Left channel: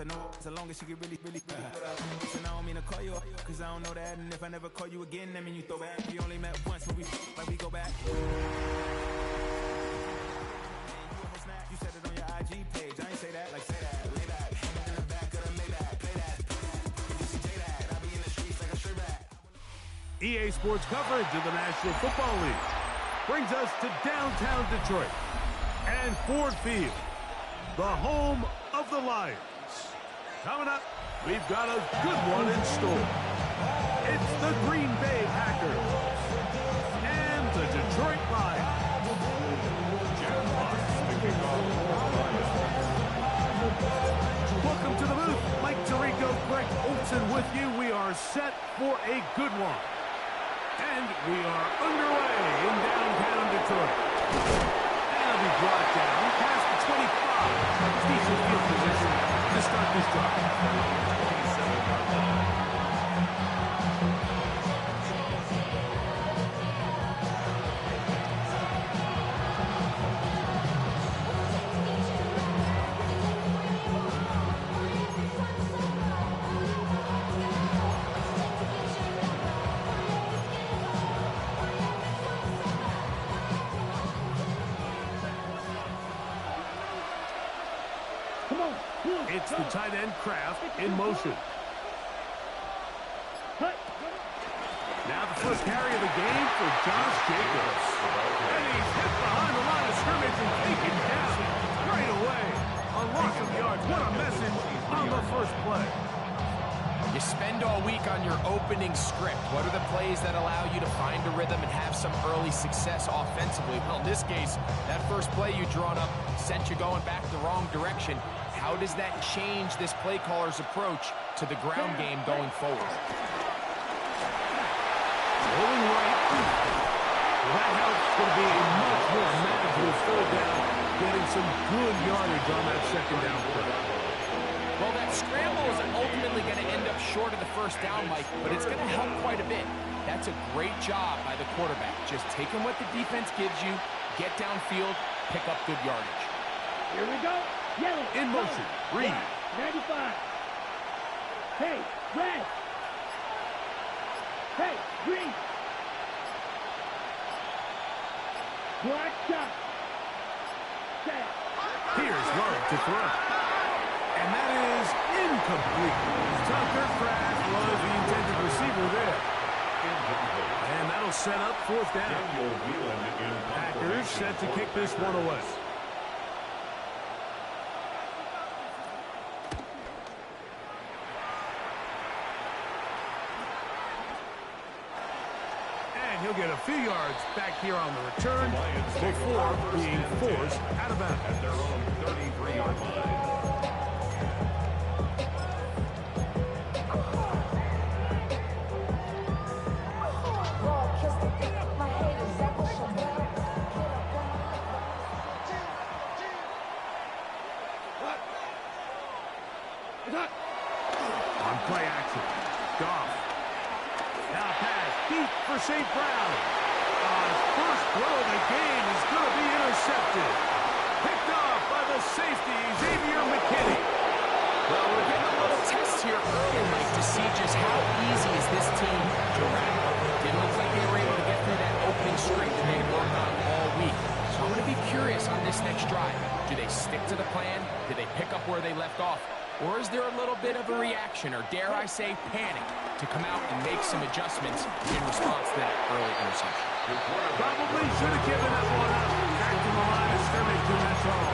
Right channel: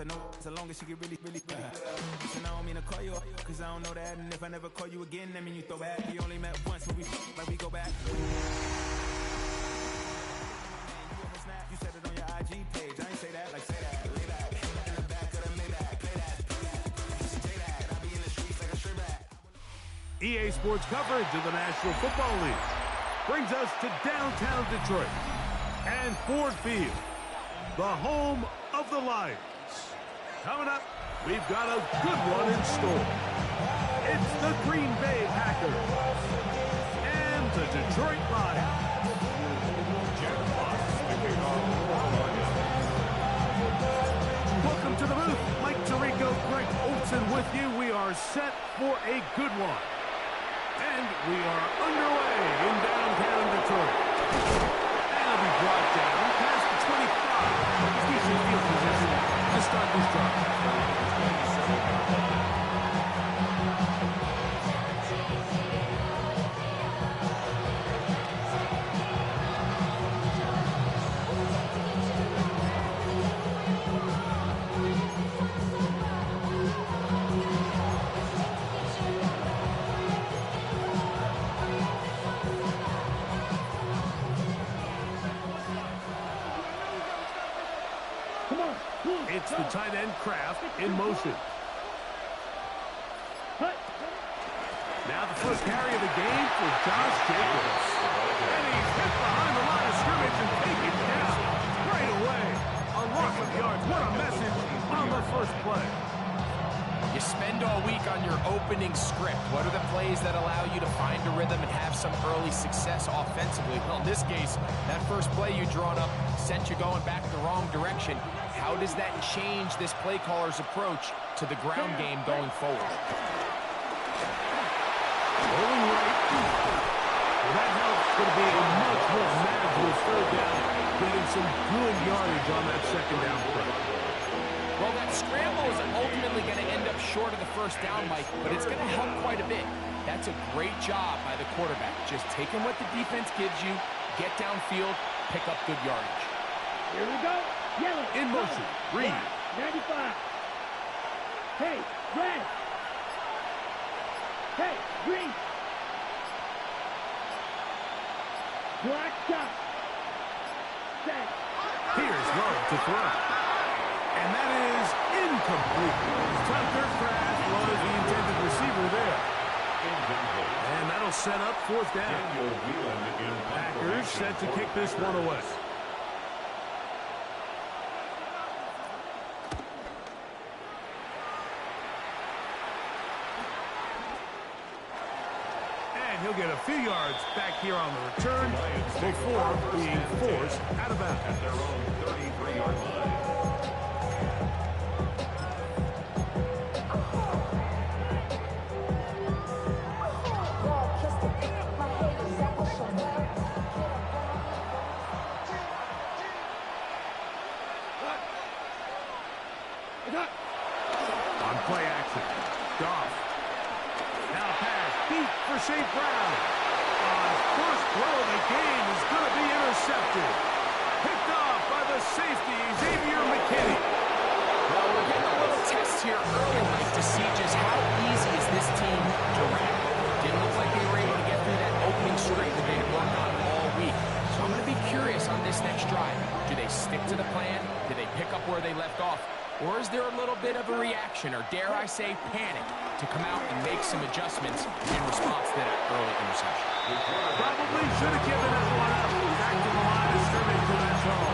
I know as long as she get really. Listen, I don't mean to call you up, cause I don't know that. And if I never call you again, that mean you throw back. We only met once, but we like we go back. You said it on your IG page. I ain't say that, like say that. Lay back, in the back of the Maybach. Play that. You see J that. I be in the streets like a straight rat. EA Sports coverage of the National Football League brings us to downtown Detroit and Ford Field, the home of the Lions. Coming up, we've got a good one in store. It's the Green Bay Packers and the Detroit Lions. Jeff Fox, the kickoff for Lions. Welcome to the booth. Mike Tirico, Greg Olsen with you. We are set for a good one. And we are underway in downtown Detroit. And it'll be brought down past the 25. Decent field position to start this drive. 27-yard line. It's the tight end Kraft in motion. Now the first carry of the game for Josh Jacobs. And he's hit behind the line of scrimmage and taken down right away. A loss of yards. What a message on the first play. You spend all week on your opening script. What are the plays that allow you to find a rhythm and have some early success offensively? Well, in this case, that first play you drawn up sent you going back the wrong direction. How does that change this play caller's approach to the ground game going forward? Rolling right. Well, that helps to be a much more manageable third down, getting some good yardage on that second down play. Well, that scramble is ultimately going to end up short of the first down, Mike, but it's going to help quite a bit. That's a great job by the quarterback. Just taking what the defense gives you, get downfield, pick up good yardage. Here we go. Yellow. In motion. Reed. 95. Hey, red. Hey, green. Black top. Set. Here's Love to throw. And that is incomplete. Tucker Kraft was the intended receiver there. And that'll set up fourth down. Packers set to kick this one away. And he'll get a few yards back here on the return before being forced out of bounds. At their own 33-yard line. On play action, Goff. Now pass, deep for St. Brown. His first throw of the game is going to be intercepted. Picked off by the safety, Xavier McKinney. Well, we're getting a little test here early, Mike, to see just how easy is this team to wrap. Didn't look like they were able to get through that opening script that they had worked on all week. So I'm going to be curious on this next drive. Do they stick to the plan? Do they pick up where they left off? Or is there a little bit of a reaction, or dare I say panic, to come out and make some adjustments in response to that early interception? Probably should have given that one up. Back to the line of scrimmage, and that's all.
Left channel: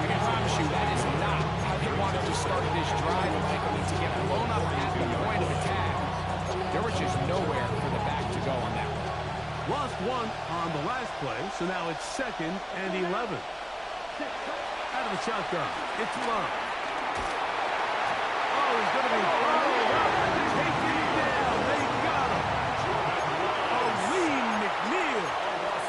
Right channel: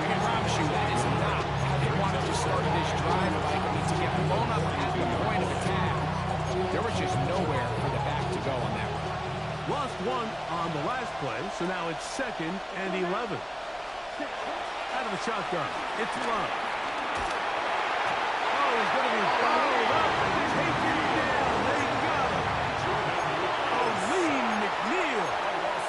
I can promise you that is not how they wanted to start this drive, Mike. I mean, to get blown up at the point of attack, there was just nowhere for the back to go on that one. Lost one on the last play, so now it's 2nd and 11. Out of the shotgun, it's Love. Oh, he's going to be followed up and taken down. They got him. Aleem McNeil.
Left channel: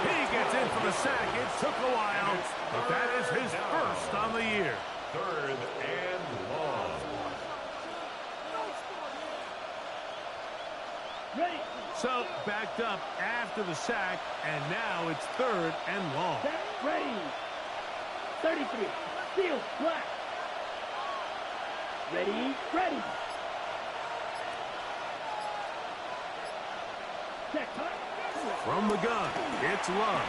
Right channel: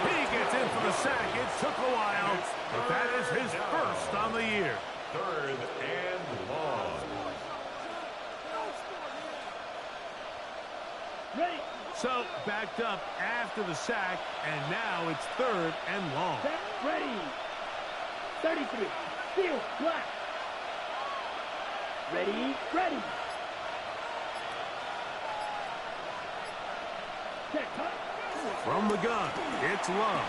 He gets in for the sack. It took a while, but that is his first on the year. 3rd and long. Ready. So, backed up after the sack, and now it's 3rd and long. Set. Ready. 33. Steel. Black. Ready, ready. Set, cut. From the gun, it's Love.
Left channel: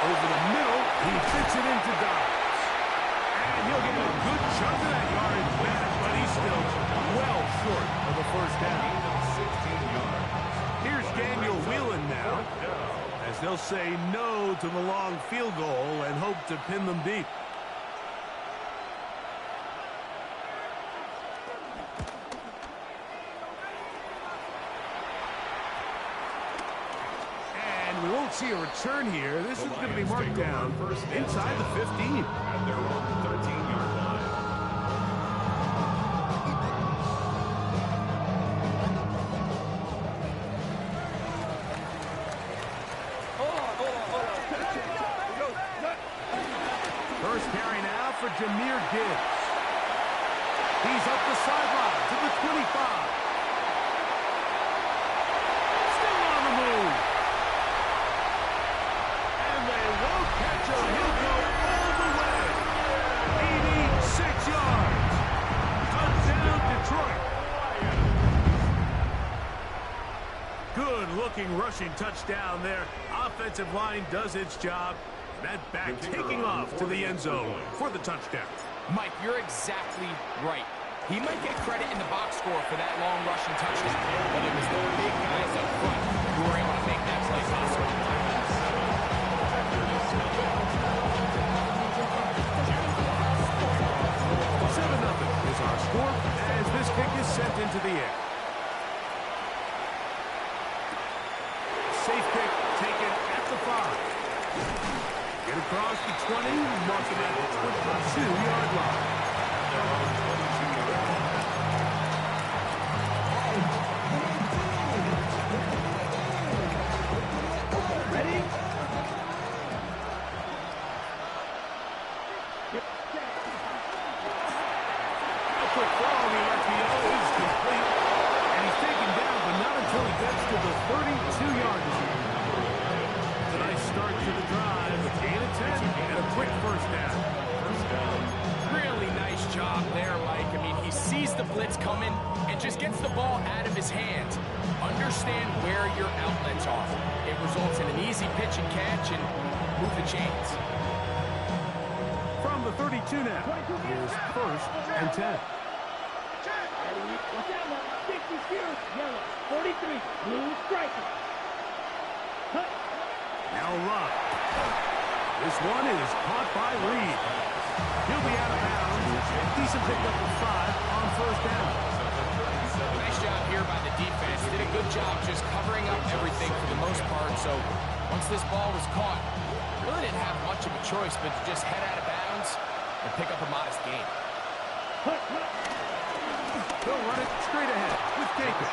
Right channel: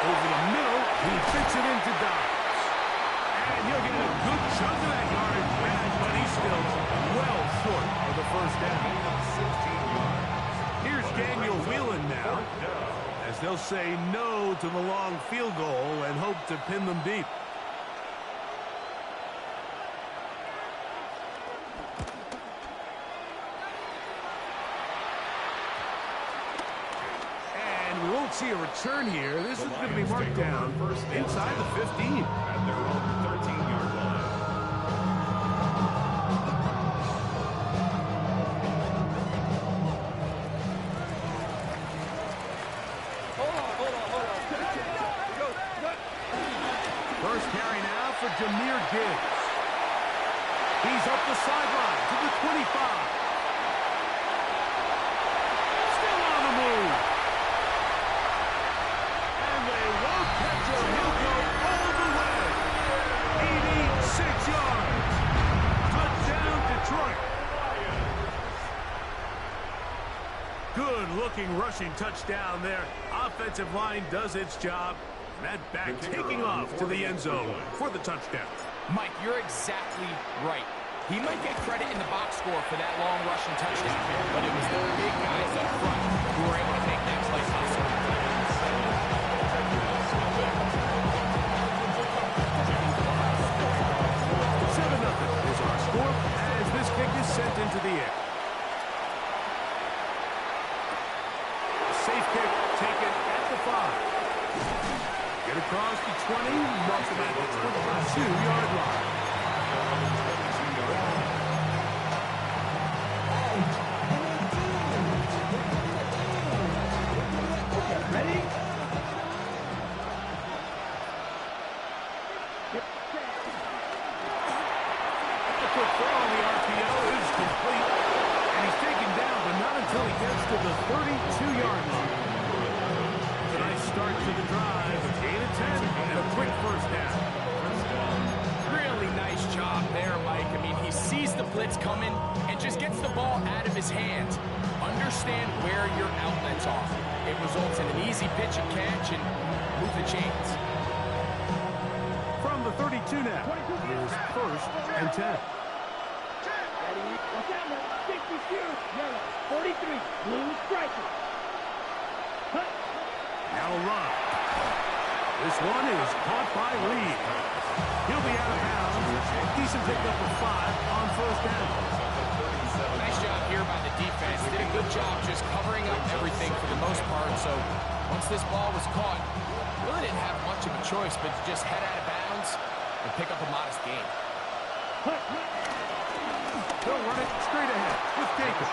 Over the middle, he fits it into Dobbs. And he'll get a good chunk of that yardage back, but he's still well short of the first down. 16 yards. Here's Daniel Whelan now, as they'll say no to the long field goal and hope to pin them deep. And we won't see a return here. This is going to be marked down inside the 15. At their own 13-yard line. First carry now for Jahmyr Gibbs. He's up the sideline to the 25. Still on the move. And they won't catch him. He'll go all the way. 86 yards. Touchdown, Detroit. Good-looking rushing touchdown there. Offensive line does its job. That back taking off to the end zone for the touchdown. Mike, you're exactly right. He might get credit in the box score for that long rushing touchdown, but it was the big guys up front who were able to make that play possible. 7-0 is our score as this kick is sent into the air. Safe kick taken at the 5. Get across the 20, mark them at the 22-yard line. At their own 22-yard line. Ready? A quick throw on the RPO is complete. And he's taken down, but not until he gets to the 32-yard line. It's a nice start to the drive. A gain of 10 and a quick first down. Really nice job there, Mike. I mean, he sees the blitz coming and just gets the ball out of his hands. Understand where your outlets are. It results in an easy pitch and catch and move the chains. From the 32 now, here's first and 10. Ready? Watch out now. 60 Spears. Yellow. 43. Blue striker. Cut. Now Love. This one is caught by Reed. He'll be out of bounds. Decent pickup of 5 on first down. Nice job here by the defense. Did a good job just covering up everything for the most part. So once this ball was caught, really didn't have much of a choice but to just head out of bounds and pick up a modest gain. Cut. They'll run it straight ahead with Jacobs.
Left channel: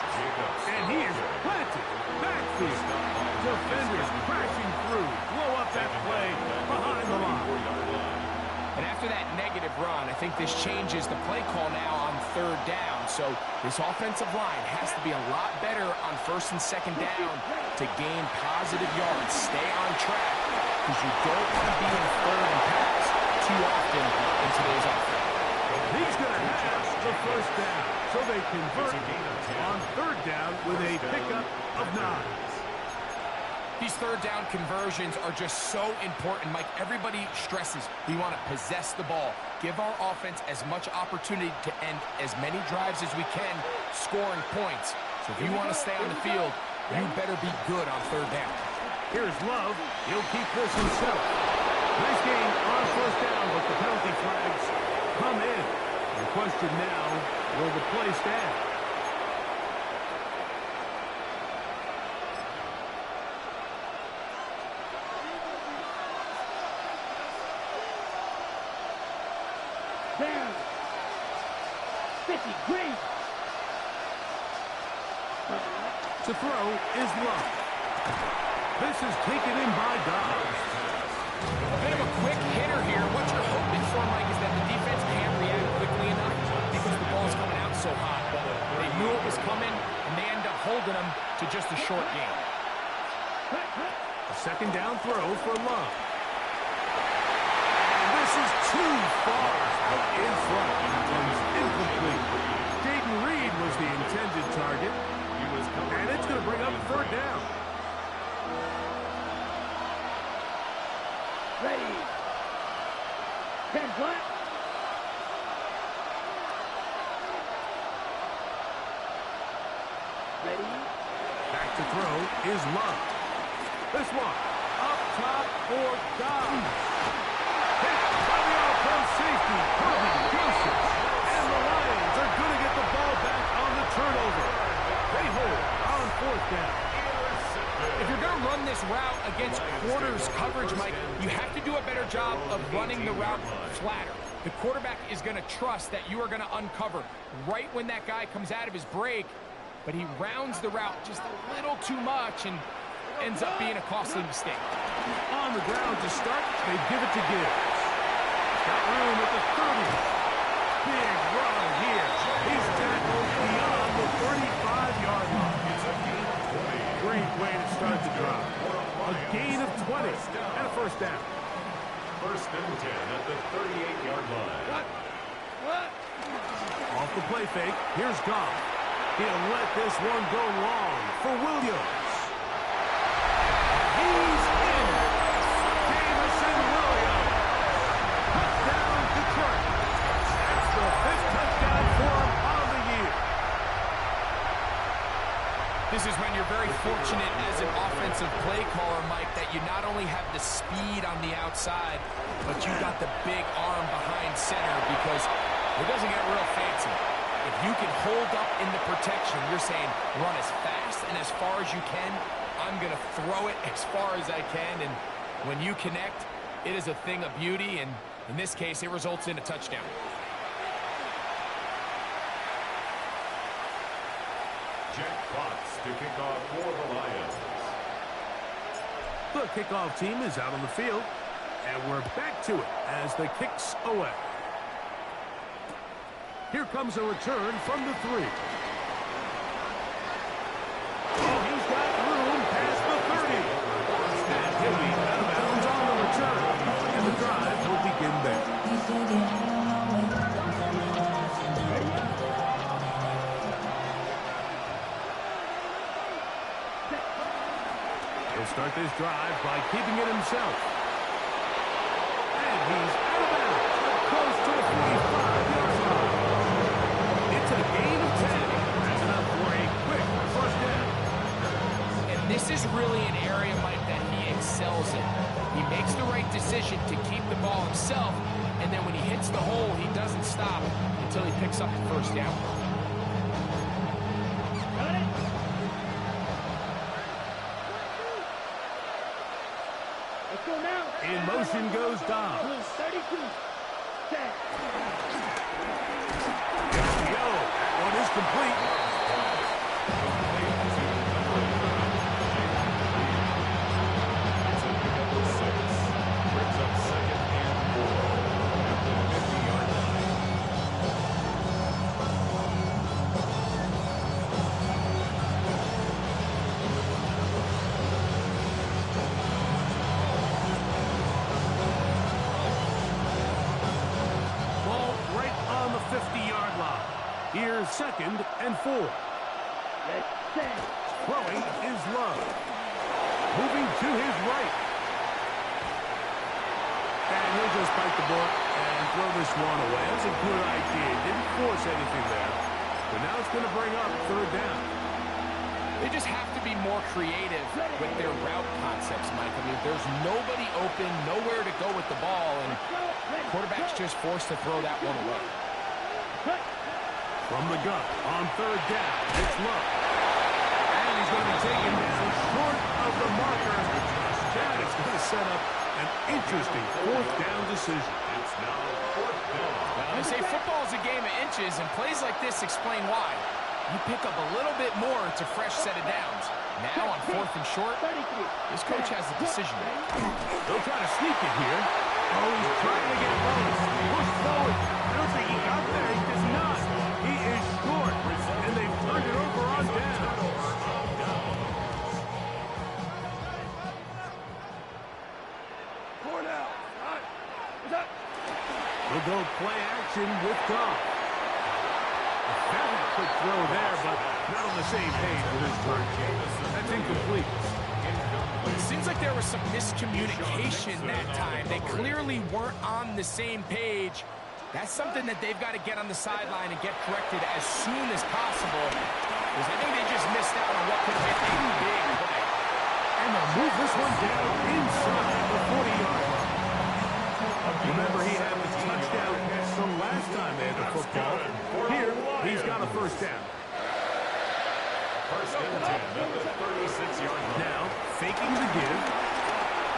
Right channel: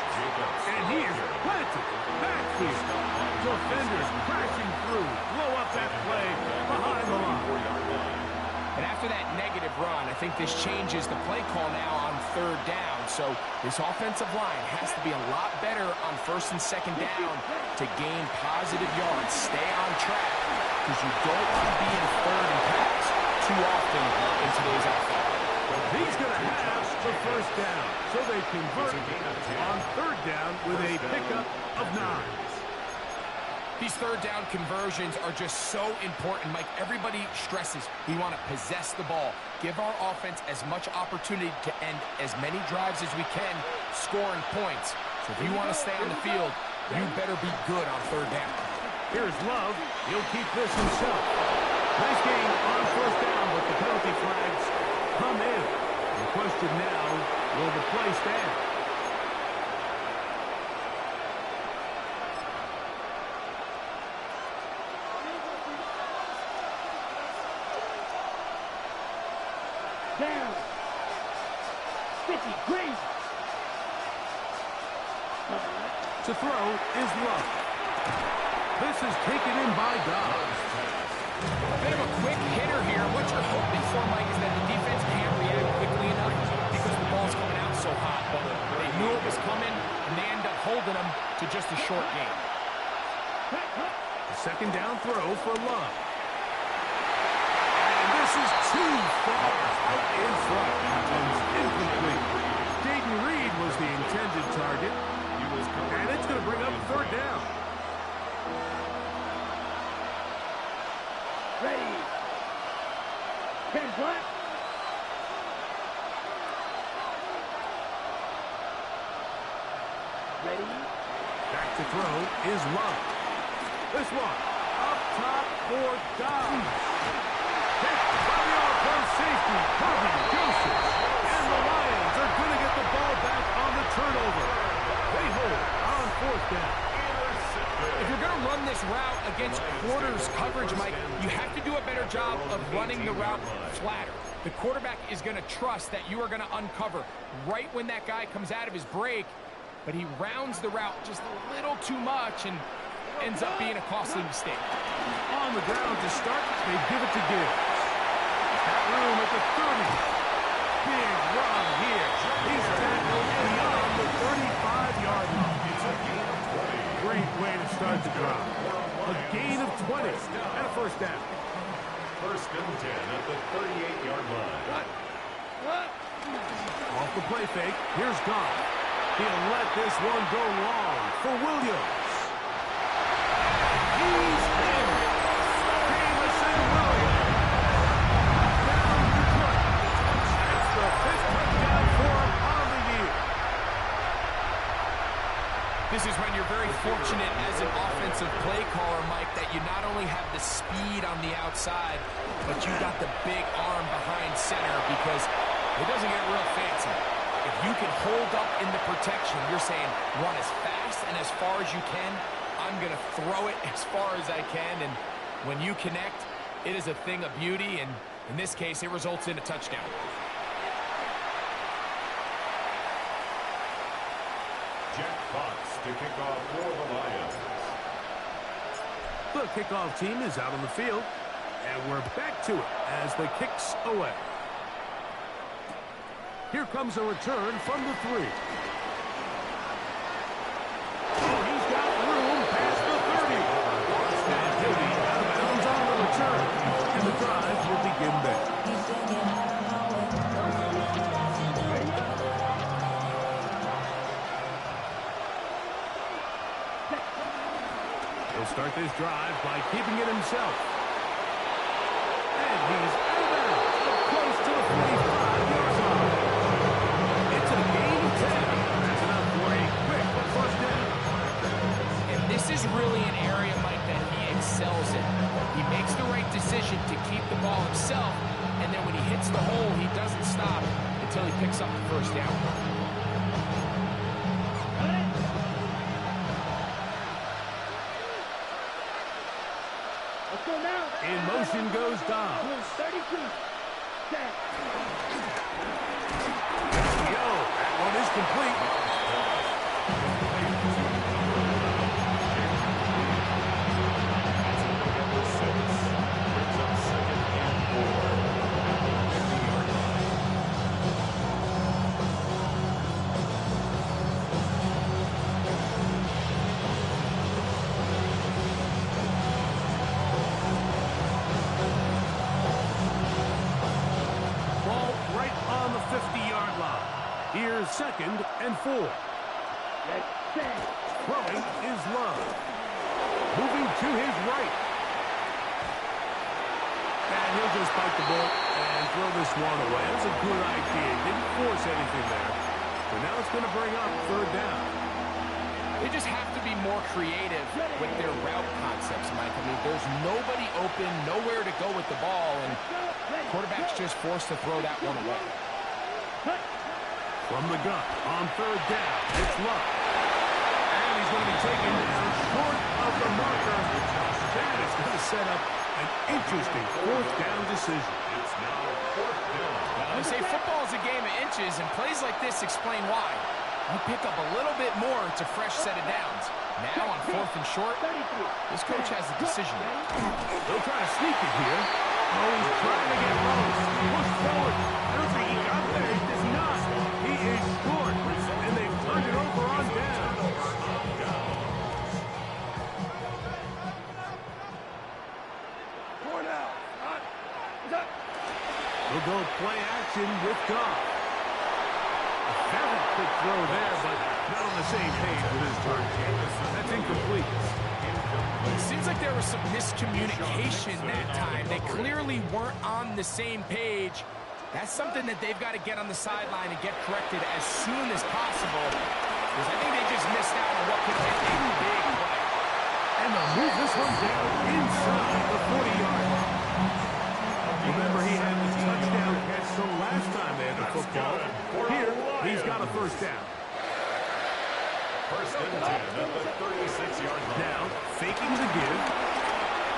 And he is planted. Backfield. Defenders crashing through. Blow up that play behind the line. And after that negative run, I think this changes the play call now on third down. So this offensive line has to be a lot better on first and second down to gain positive yards. Stay on track because you don't want to be in third and pass too often in today's offense. He's going to have the first down. So they convert on third down with a pickup of 9. These third down conversions are just so important, Mike. Everybody stresses we want to possess the ball, give our offense as much opportunity to end as many drives as we can, scoring points. So if you want to stay on the field, you better be good on third down. Here's Love. He'll keep this himself. Nice gain on first down, but the penalty flags come in. The question now, will the play stand? Down. 50. Green. To throw is Love. This is taken in by Dobbs. A bit of a quick hitter here. What you're hoping for, Mike, is that the defense can't react quickly enough because the ball's coming out so hot. But they knew it was coming, and they end up holding them to just a short gain. A second down throw for Love. And This is too far out in front. That one's incomplete. Jayden Reed was the intended target. And it's going to bring up third down. Ready. 10 flat. Ready. Back to throw is Love. This one up top for Dobbs. Hit by the all-pro safety, Kirby Joseph. And the Lions are going to get the ball back on the turnover. They hold on fourth down. If you're going to run this route against quarters coverage, Mike, you have to do a better job of running the route flatter. The quarterback is going to trust that you are going to uncover right when that guy comes out of his break, but he rounds the route just a little too much and ends up being a costly mistake. On the ground to start, they give it to Gibbs. Got room at the 30. Big run here. He's tackled beyond the 35-yard line. It's a gain of 20. Great way to start the drive. A gain of 20 and a first down. First and 10 at the 38-yard line. Off the play fake, here's Goff. He'll let this one go long for Williams. He's in. Jamison Williams. Touchdown Detroit. That's the 5th touchdown for him on the year. This is when you're very fortunate as an offensive play caller, Mike, that you not only have the speed on the outside, but you got the big arm behind center, because it doesn't get real fancy. If you can hold up in the protection, you're saying run as fast and as far as you can. I'm going to throw it as far as I can, and when you connect, it is a thing of beauty, and in this case, it results in a touchdown. Jack Fox to kick off for the Lions. The kickoff team is out on the field, and we're back to it as the kick's away. Here comes a return from the 3. Oh, he's got room past the 30. And he'll be out of bounds on the return. And the drive will begin there. He'll start this drive by keeping it himself. And he's out of bounds, up close to the 45-yard line. It's a gain of 10. That's enough for a quick first down. And this is really an area, Mike, that he excels in. He makes the right decision to keep the ball himself, and then when he hits the hole, he doesn't stop until he picks up the first down. Got it. Let's go now. In motion goes Dobbs. 32. Set. Yo, that one is complete. Complete to number 11, Jayden Reed. It's a big number 6. Brings up 2nd and 4 at the 50-yard line. Ball right on the 50-yard line. Here's 2nd and 4. Let's set. Throwing is Love. Moving to his right. And he'll just bite the bullet and throw this one away. That was a good idea. Didn't force anything there. But now it's going to bring up third down. They just have to be more creative with their route concepts, Mike. I mean, there's nobody open, nowhere to go with the ball, and quarterback's just forced to throw that one away. From the gun on third down, it's Love. And he's going to be taken down short of the marker. That is going to set up an interesting fourth down decision. It's now 4th down. Well, they say football is a game of inches, and plays like this explain why. You pick up a little bit more, it's a fresh set of downs. Now on 4th and short, this coach has a decision. They'll try to sneak it here. Oh, he's trying to get close. Push forward. I don't think he got there. He does not. He is short. And they've turned it over on down. He'll go play action with Goff. A very quick throw there, but not on the same page with his target. That's incomplete. It seems like there was some miscommunication that time. They clearly weren't on the same page. That's something that they've got to get on the sideline and get corrected as soon as possible, because I think they just missed out on what could have been a big play. And they'll move this one down inside the 40-yard line. Remember, he had the touchdown catch the last time they had the football. Here, he's got a first down. First and 10 at the 36-yard line. Now, faking the give.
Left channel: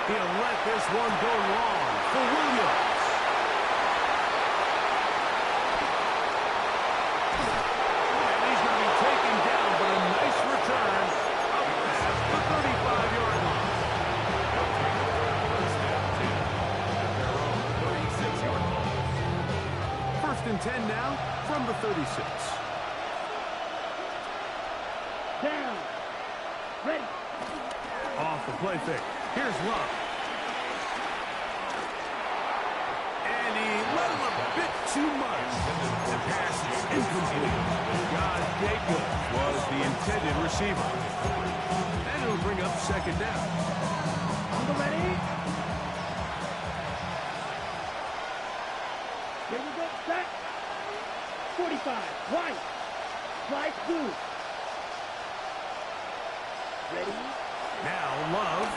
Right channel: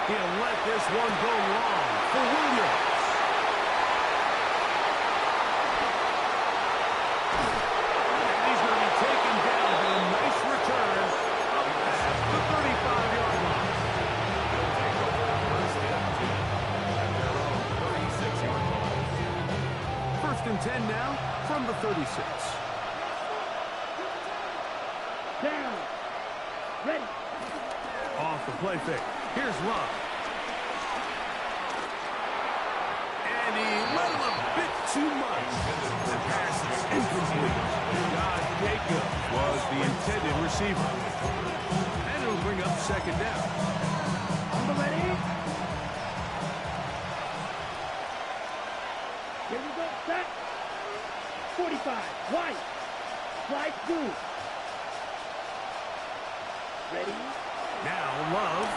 He'll let this one go long for Williams. And he's going to be taken down, but a nice return up past the 35-yard line. They'll take over first and 10 at their own 36-yard line. First and 10 now from the 36. Down. Ready. Off the play fake. Here's Love. And he let him a bit too much. The pass is incomplete. Josh Jacobs was the intended receiver. And it'll bring up second down. On the ready. Here we go. Set. 45. White. Slide through. Ready. Now Love.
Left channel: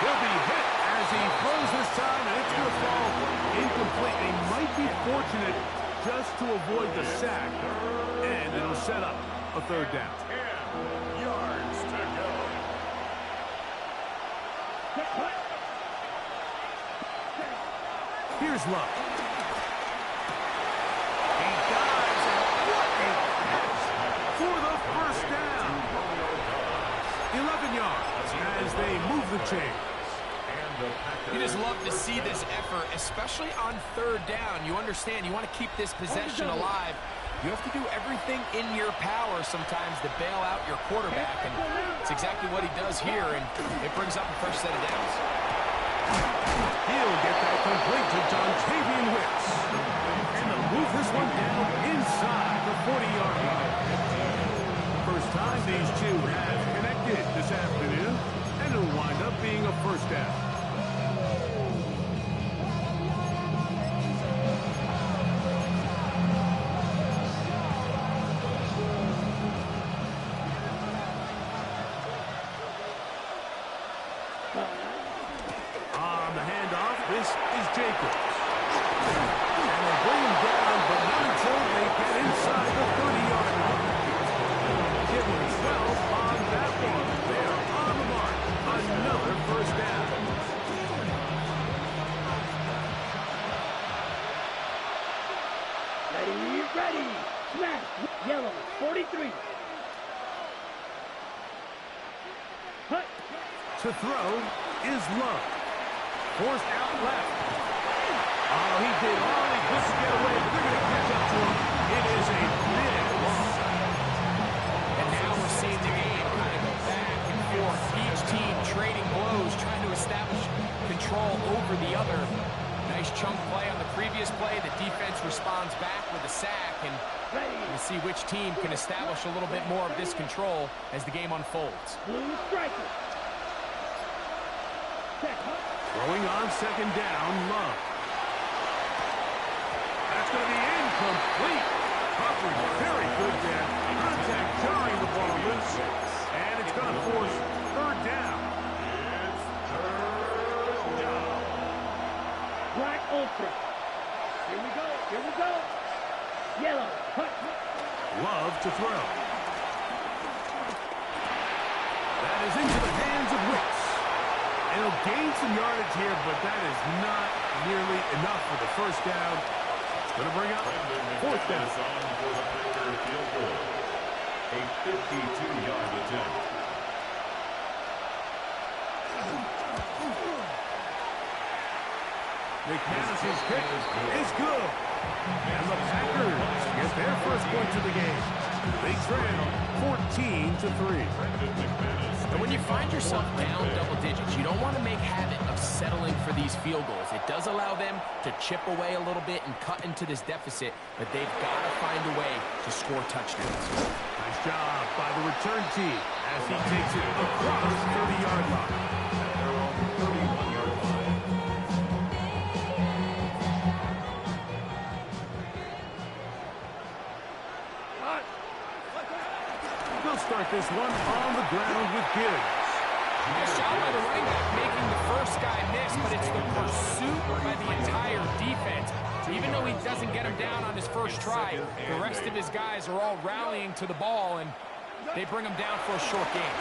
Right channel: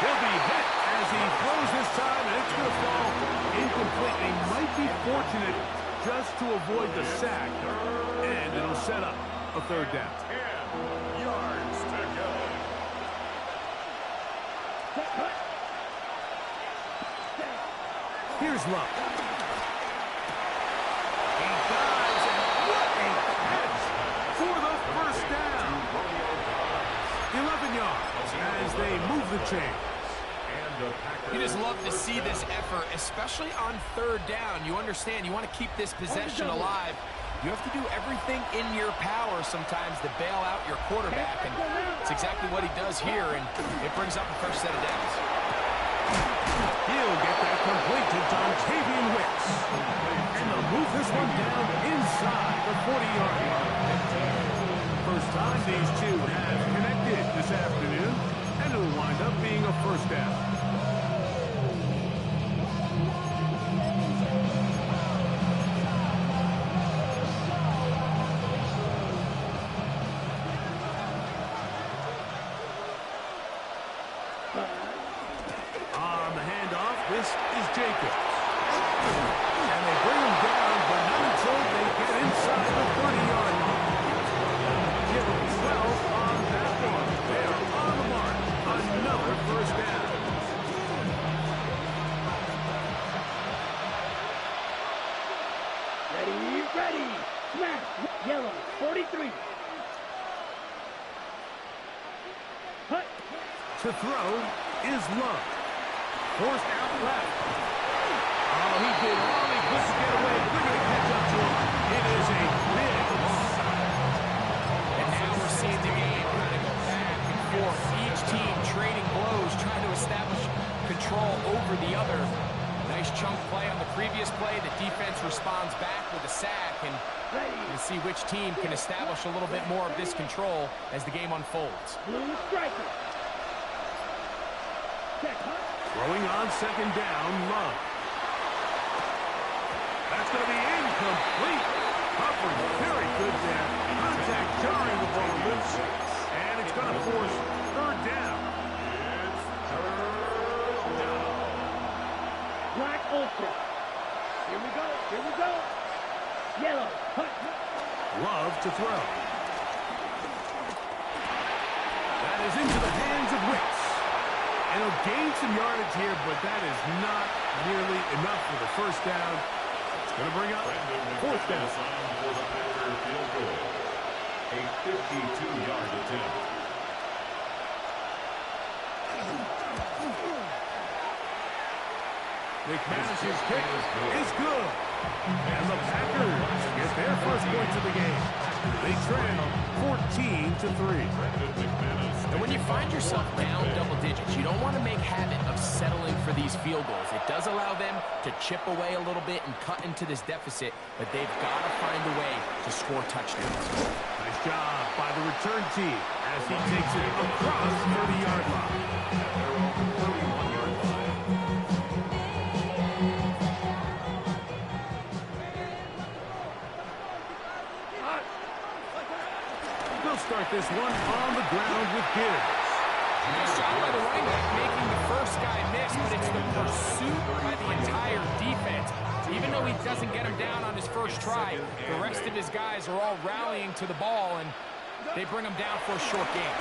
He'll be hit as he throws this time, and it's going to fall incomplete. He might be fortunate just to avoid the sack, and it'll set up a third down. 10 yards to go. Set. Cut. Set. Here's Love. He dives, and what a catch for the first down. 11 yards as they move the chains. You just love to see this effort, especially on third down. You understand, you want to keep this possession alive. You have to do everything in your power sometimes to bail out your quarterback, and it's exactly what he does here, and it brings up a fresh set of downs. He'll get that complete to Dontavian Wicks. And they'll move this one down inside the 40-yard line. First time these two have connected this afternoon, and it'll wind up being a first down. On the handoff, this is Jacobs. And they bring him down, but not until they get inside the 30-yard line. Give him 12 on that one. They are on the mark. Another first down. Ready. Smash. Yellow. 43. Hut. To throw is Love. Forced out left. Oh, he did all he could to get away, but they're going to catch up to him. It is a big loss. And now we're seeing the game kind of go back and forth. Each team trading blows, trying to establish control over the other. Nice chunk play on the previous play. The defense responds back with a sack, and we'll see which team can establish a little bit more of this control as the game unfolds. Blue striker. Set. Hut. Throwing on second down, Love. That's going to be incomplete. Coverage very good there. Contact jarring the ball loose. And it's going to force third down. It's third down. Black Ultra. Here we go. Yellow. Hut. Love to throw. That is into the hands of Wicks. And he'll gain some yardage here, but that is not nearly enough for the first down. It's going to bring up fourth down. On for the Packer field goal. A 52-yard attempt. McManus's kick is good. And the Packers get their first points of the game. They trail 14-3. And when you find yourself down double digits, you don't want to make habit of settling for these field goals. It does allow them to chip away a little bit and cut into this deficit, but they've got to find a way to score touchdowns. Nice job by the return team as he takes it across the 30-yard line. At their own 31-yard line. They'll start this one on the ground with Gibbs. Nice job by the running back making the first guy miss, but it's the pursuit by the entire defense. Even though he doesn't get him down on his first try, the rest of his guys are all rallying to the ball, and they bring him down for a short gain.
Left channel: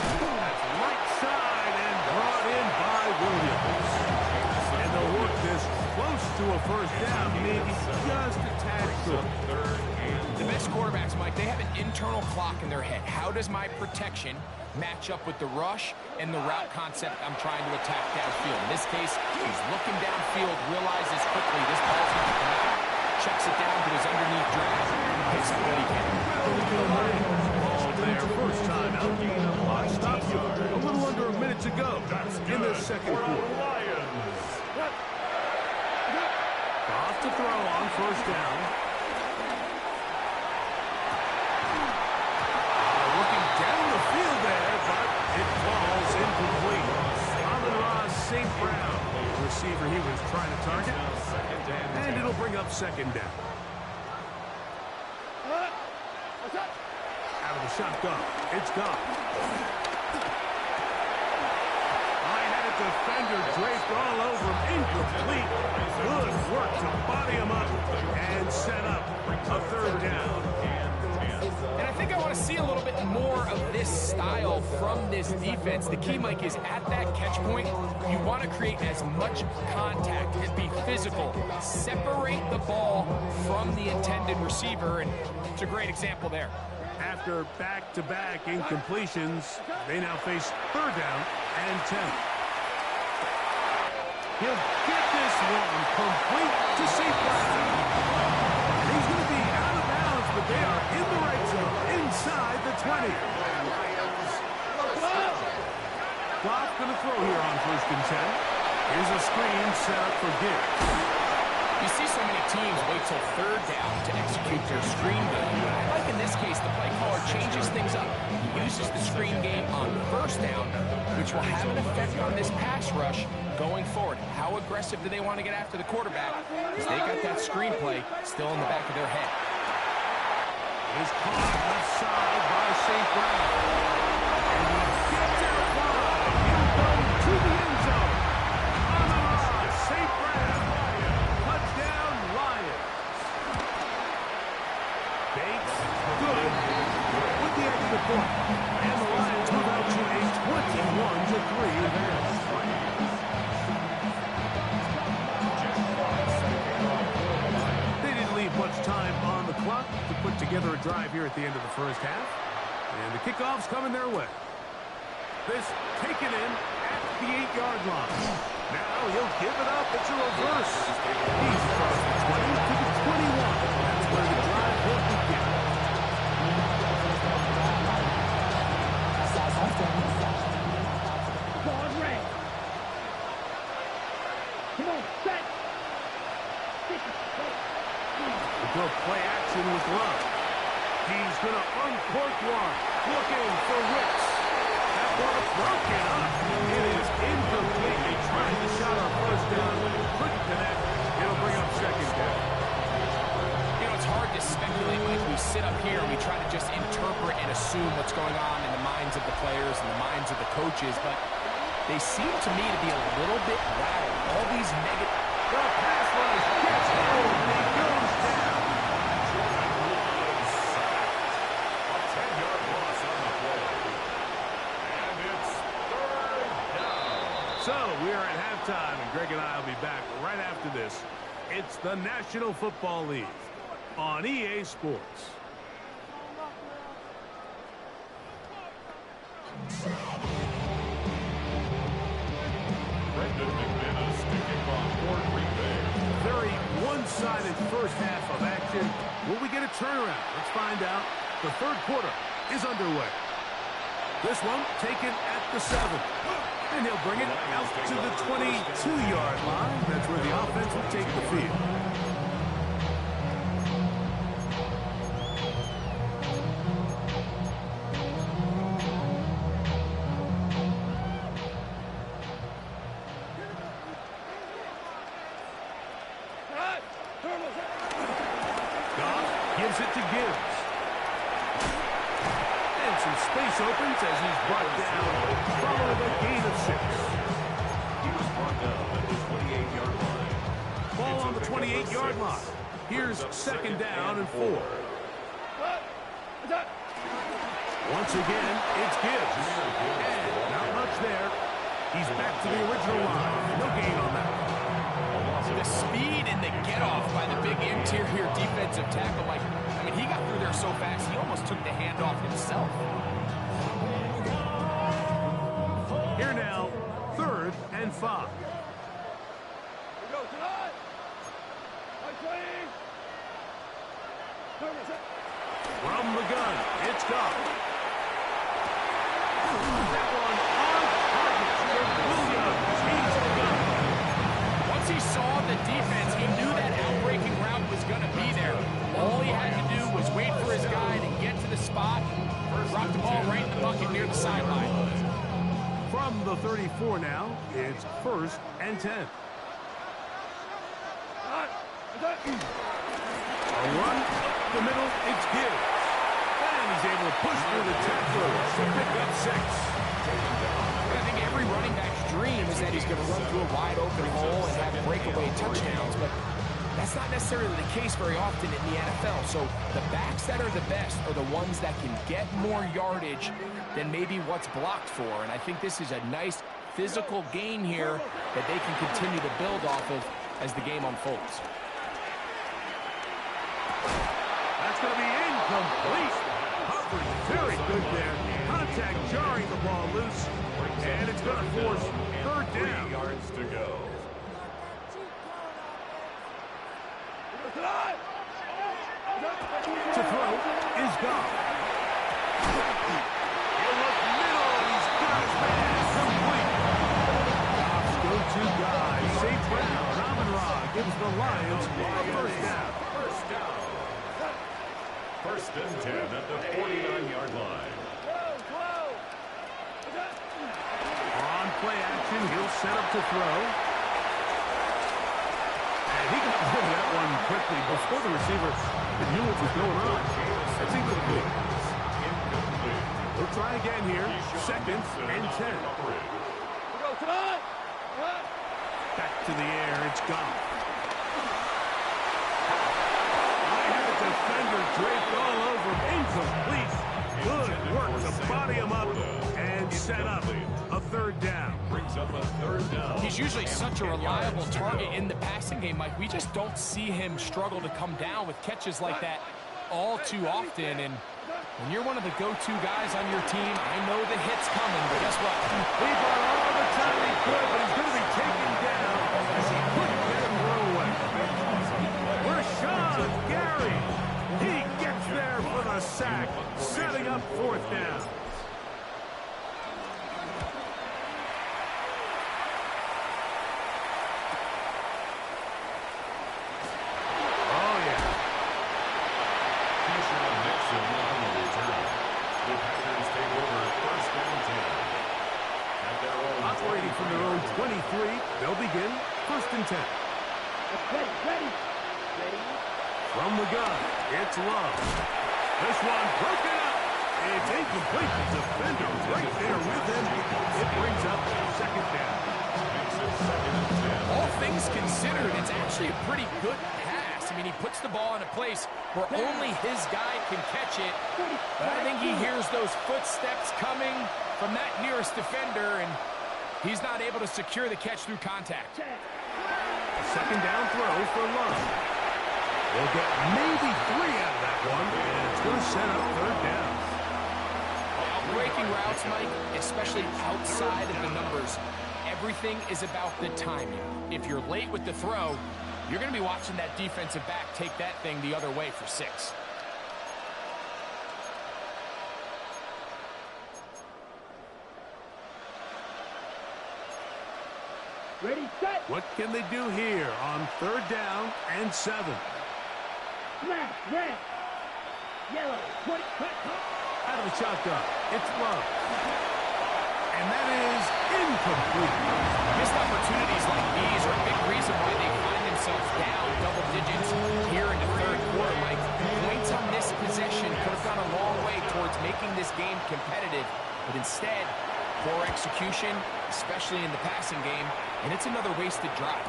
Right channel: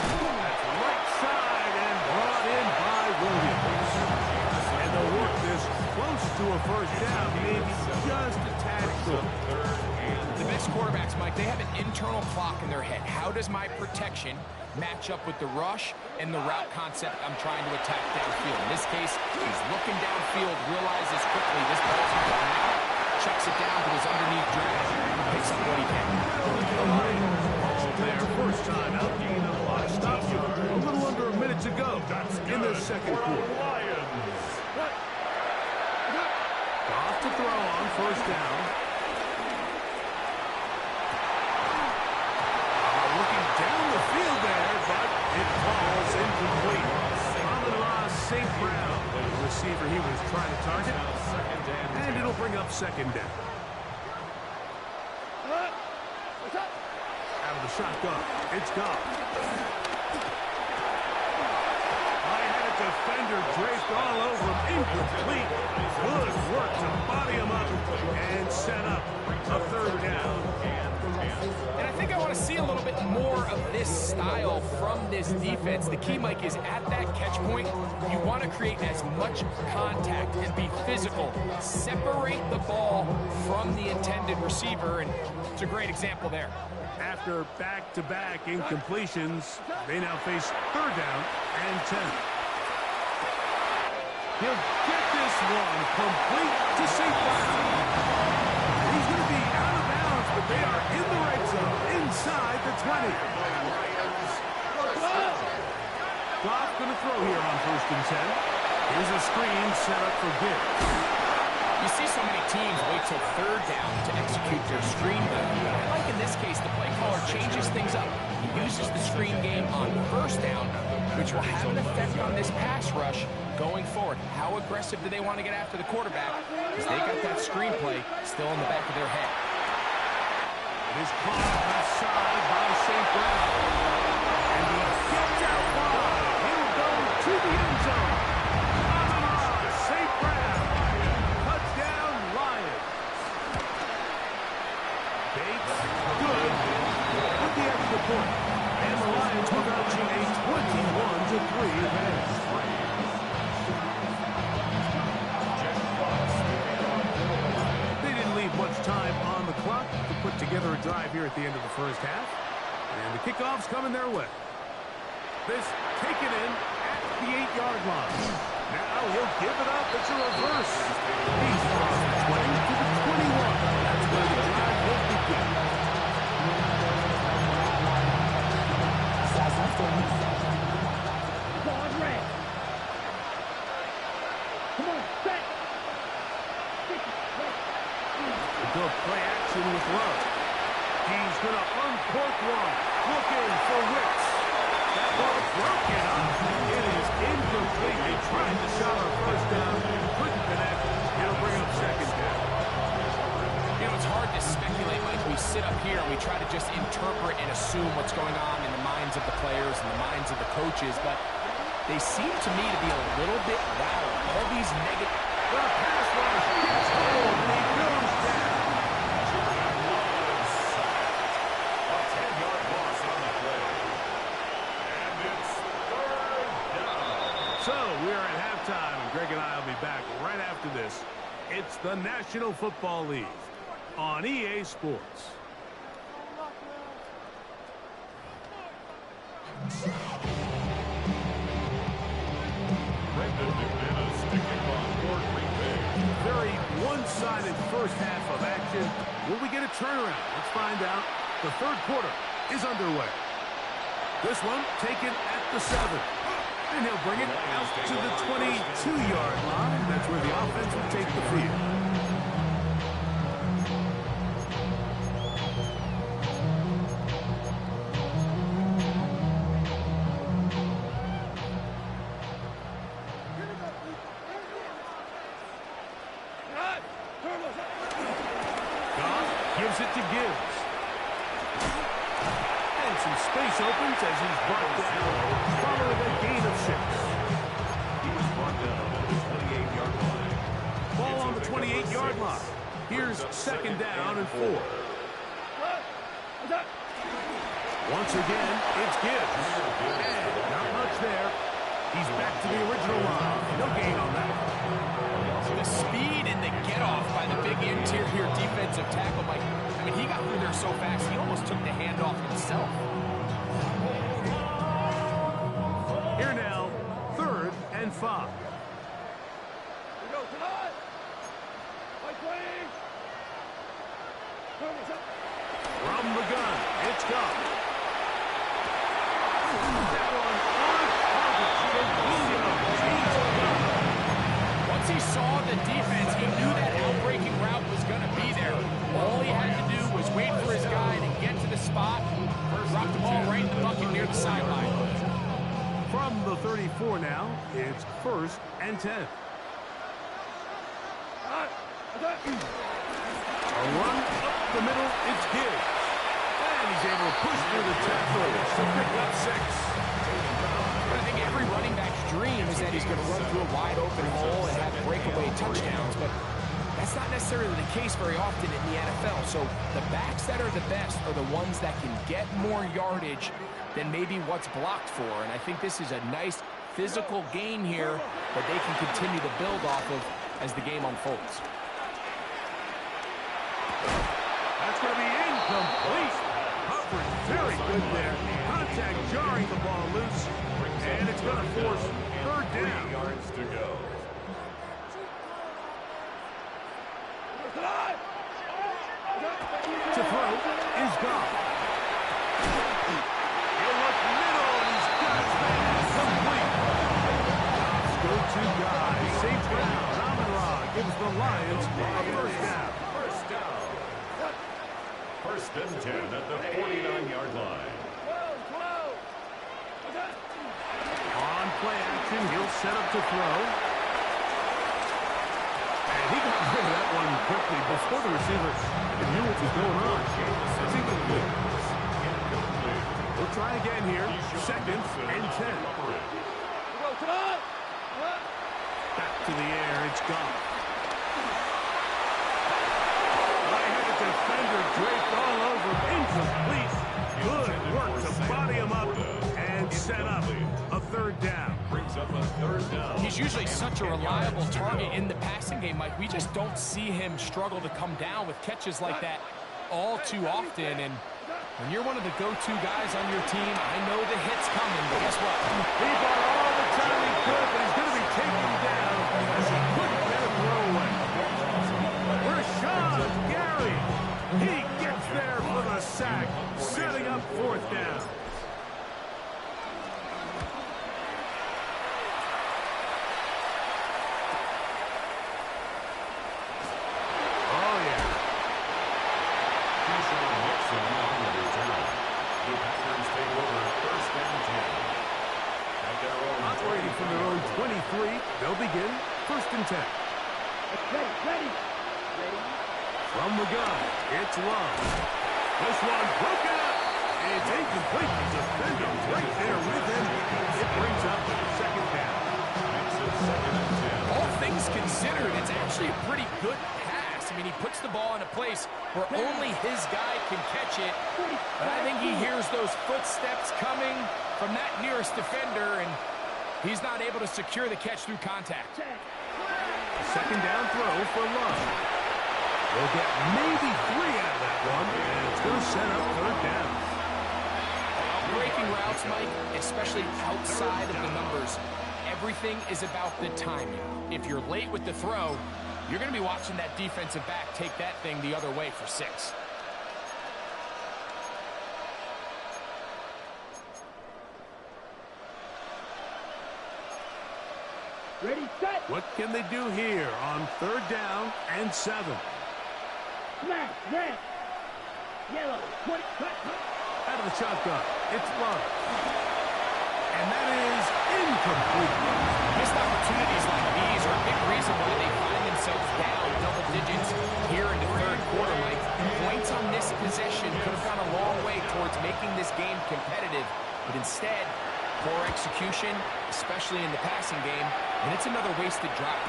That's right side and brought in by Williams. And they'll work this close to a first down, maybe just a tad short. The best quarterbacks, Mike, they have an internal clock in their head. How does my protection match up with the rush and the route concept I'm trying to attack downfield? In this case, he's looking downfield, realizes quickly this ball's going to come out, checks it down to his underneath drag, picks up what he can. Ball there, first time out, gain of 5 stop yard. A little under a minute to go in the second quarter. Goff to throw on first down. Looking down the field there, but it falls incomplete. Amon-Ra St. Brown, the receiver he was trying to target, and it'll bring up second down. Out of the shotgun, it's Goff. I had a defender draped all over him, incomplete. Good work to body him up and set up a third down. And I think I want to see a little bit more of this style from this defense. The key, Mike, is at that catch point, you want to create as much contact and be physical. Separate the ball from the intended receiver, and it's a great example there. After back-to-back incompletions, they now face third down and 10. He'll get this one complete to St. Brown. And he's going to be out of bounds, but they are in the red zone, inside the 20. Goff going to throw here on first and 10. Here's a screen set up for Gibbs. You see so many teams wait till third down to execute their screen game. But I like in this case, the play caller changes things up. He uses the screen game on first down, which will have an effect on this pass rush going forward. How aggressive do they want to get after the quarterback? Because they got that screenplay still in the back of their head. It is caught left side by St. Brown. And he gets out wide. He'll go to the end zone. Amon-Ra St. Brown. Touchdown, Lions. Bates, good with the extra point. And the Lions move out to a 21-3 advantage. They didn't leave much time on the clock to put together a drive here at the end of the first half. And the kickoff's coming their way. This taken in at the 8-yard line. Now he'll give it up. It's a reverse. He's across the 20 to the 21. That's where the drive will begin. Ball red. Come on, set. Go play action with Love. He's going to uncork one. Looking for Wicks. That ball is broken up. It is incomplete. They tried the shot on first down. Couldn't connect. It'll bring up second down. You know, it's hard to speculate, Mike. We sit up here and we try to just interpret and assume what's going on in the minds of the players and the minds of the coaches, but they seem to me to be a little bit rattled. All these negative... The pass rush gets home and he goes down. Jordan Love sacked. A 10-yard loss on the play. And it's third down. So we are at halftime, and Greg and I will be back right after this. It's the National Football League on EA Sports. Brendan McManus to kick off for Green Bay. Very one-sided first half of action. Will we get a turnaround? Let's find out. The third quarter is underway. This one taken at the 7. And he'll bring it out to the 22-yard line. That's where the offense will take the field. Goff gives it to Gibbs. And some space opens as he's brought down following a gain of 6. He was brought down at the 28-yard line. Ball on the 28-yard line. Here's second down and 4. Once again, it's Gibbs. And not much there. He's back to the original line. No gain on that. The speed and the get-off by the big interior defensive tackle, Mike. I mean, he got through there so fast, he almost took the handoff himself. Here now, 3rd and 5. Here goes tonight. White plane. From the gun, it's Goff. That one on target for Williams. He's gone. Once he saw the defense, he knew that outbreaking route was going to be there. All he had to do was wait for his guy to get to the spot, drop the ball right in the bucket near the sideline. From the 34 now, it's 1st and 10. A run up the middle, it's Gibbs. And he's able to push through the tacklers to pick up 6. I think every running back's dream is that he's going to run through a wide open hole and have breakaway touchdowns, but that's not necessarily the case very often in the NFL. So the backs that are the best are the ones that can get more yardage than maybe what's blocked for. And I think this is a nice physical gain here that they can continue to build off of as the game unfolds. That's going to be incomplete. Coverage very good there. Contact jarring the ball loose. And it's going to force 3rd down. 3 yards to go. To throw is Goff. He'll look middle, and he's got his man complete. Goff's go-to guy, St. Brown, Amon-Ra gives the Lions a 1st down. 1st down. 1st and 10 at the 49-yard line. On play action, he'll set up to throw. And he got rid of that one quickly before the receiver knew what was going on. It's incomplete. We'll try again here. 2nd and 10. Back to the air, it's Goff. I had a defender draped all over him. Incomplete. Good work to body him up and set up a 3rd down. Brings up a 3rd down. He's usually such a reliable target in the passing game, Mike. We just don't see him struggle to come down with catches like that all too often. And when you're one of the go-to guys on your team, I know the hit's coming, but guess what? He bought all the time he could, but he's going to be taken down as he couldn't get him throw away. Rashawn Gary. He gets there for the sack, setting up 4th down. Oh, yeah. Keyshawn Nixon on the return. The Packers take over 1st and 10. At their own Operating from their own 23, they'll begin 1st and 10. Ready. From the gun, it's Love. This one broken up. It's incomplete. The defender right there with him. It brings up 2nd down. Makes it 2nd and 10. All things considered, it's actually a pretty good pass. I mean, he puts the ball in a place where only his guy can catch it. But I think he hears those footsteps coming from that nearest defender, and he's not able to secure the catch through contact. A 2nd down throw for Love. They'll get maybe 3 out of that one, and it's going to set up 3rd down. Breaking routes, Mike, especially outside of the numbers, everything is about the timing. If you're late with the throw, you're going to be watching that defensive back take that thing the other way for 6. Ready, set. What can they do here on 3rd down and 7? Smash, red. Yellow, 20, cut. Out of the shotgun, it's Love. And that is incomplete. Missed opportunities like these are a big reason why they find themselves down double digits here in the 3rd quarter, Mike. Points on this possession could have gone a long way towards making this game competitive, but instead, poor execution, especially in the passing game, and it's another wasted drive.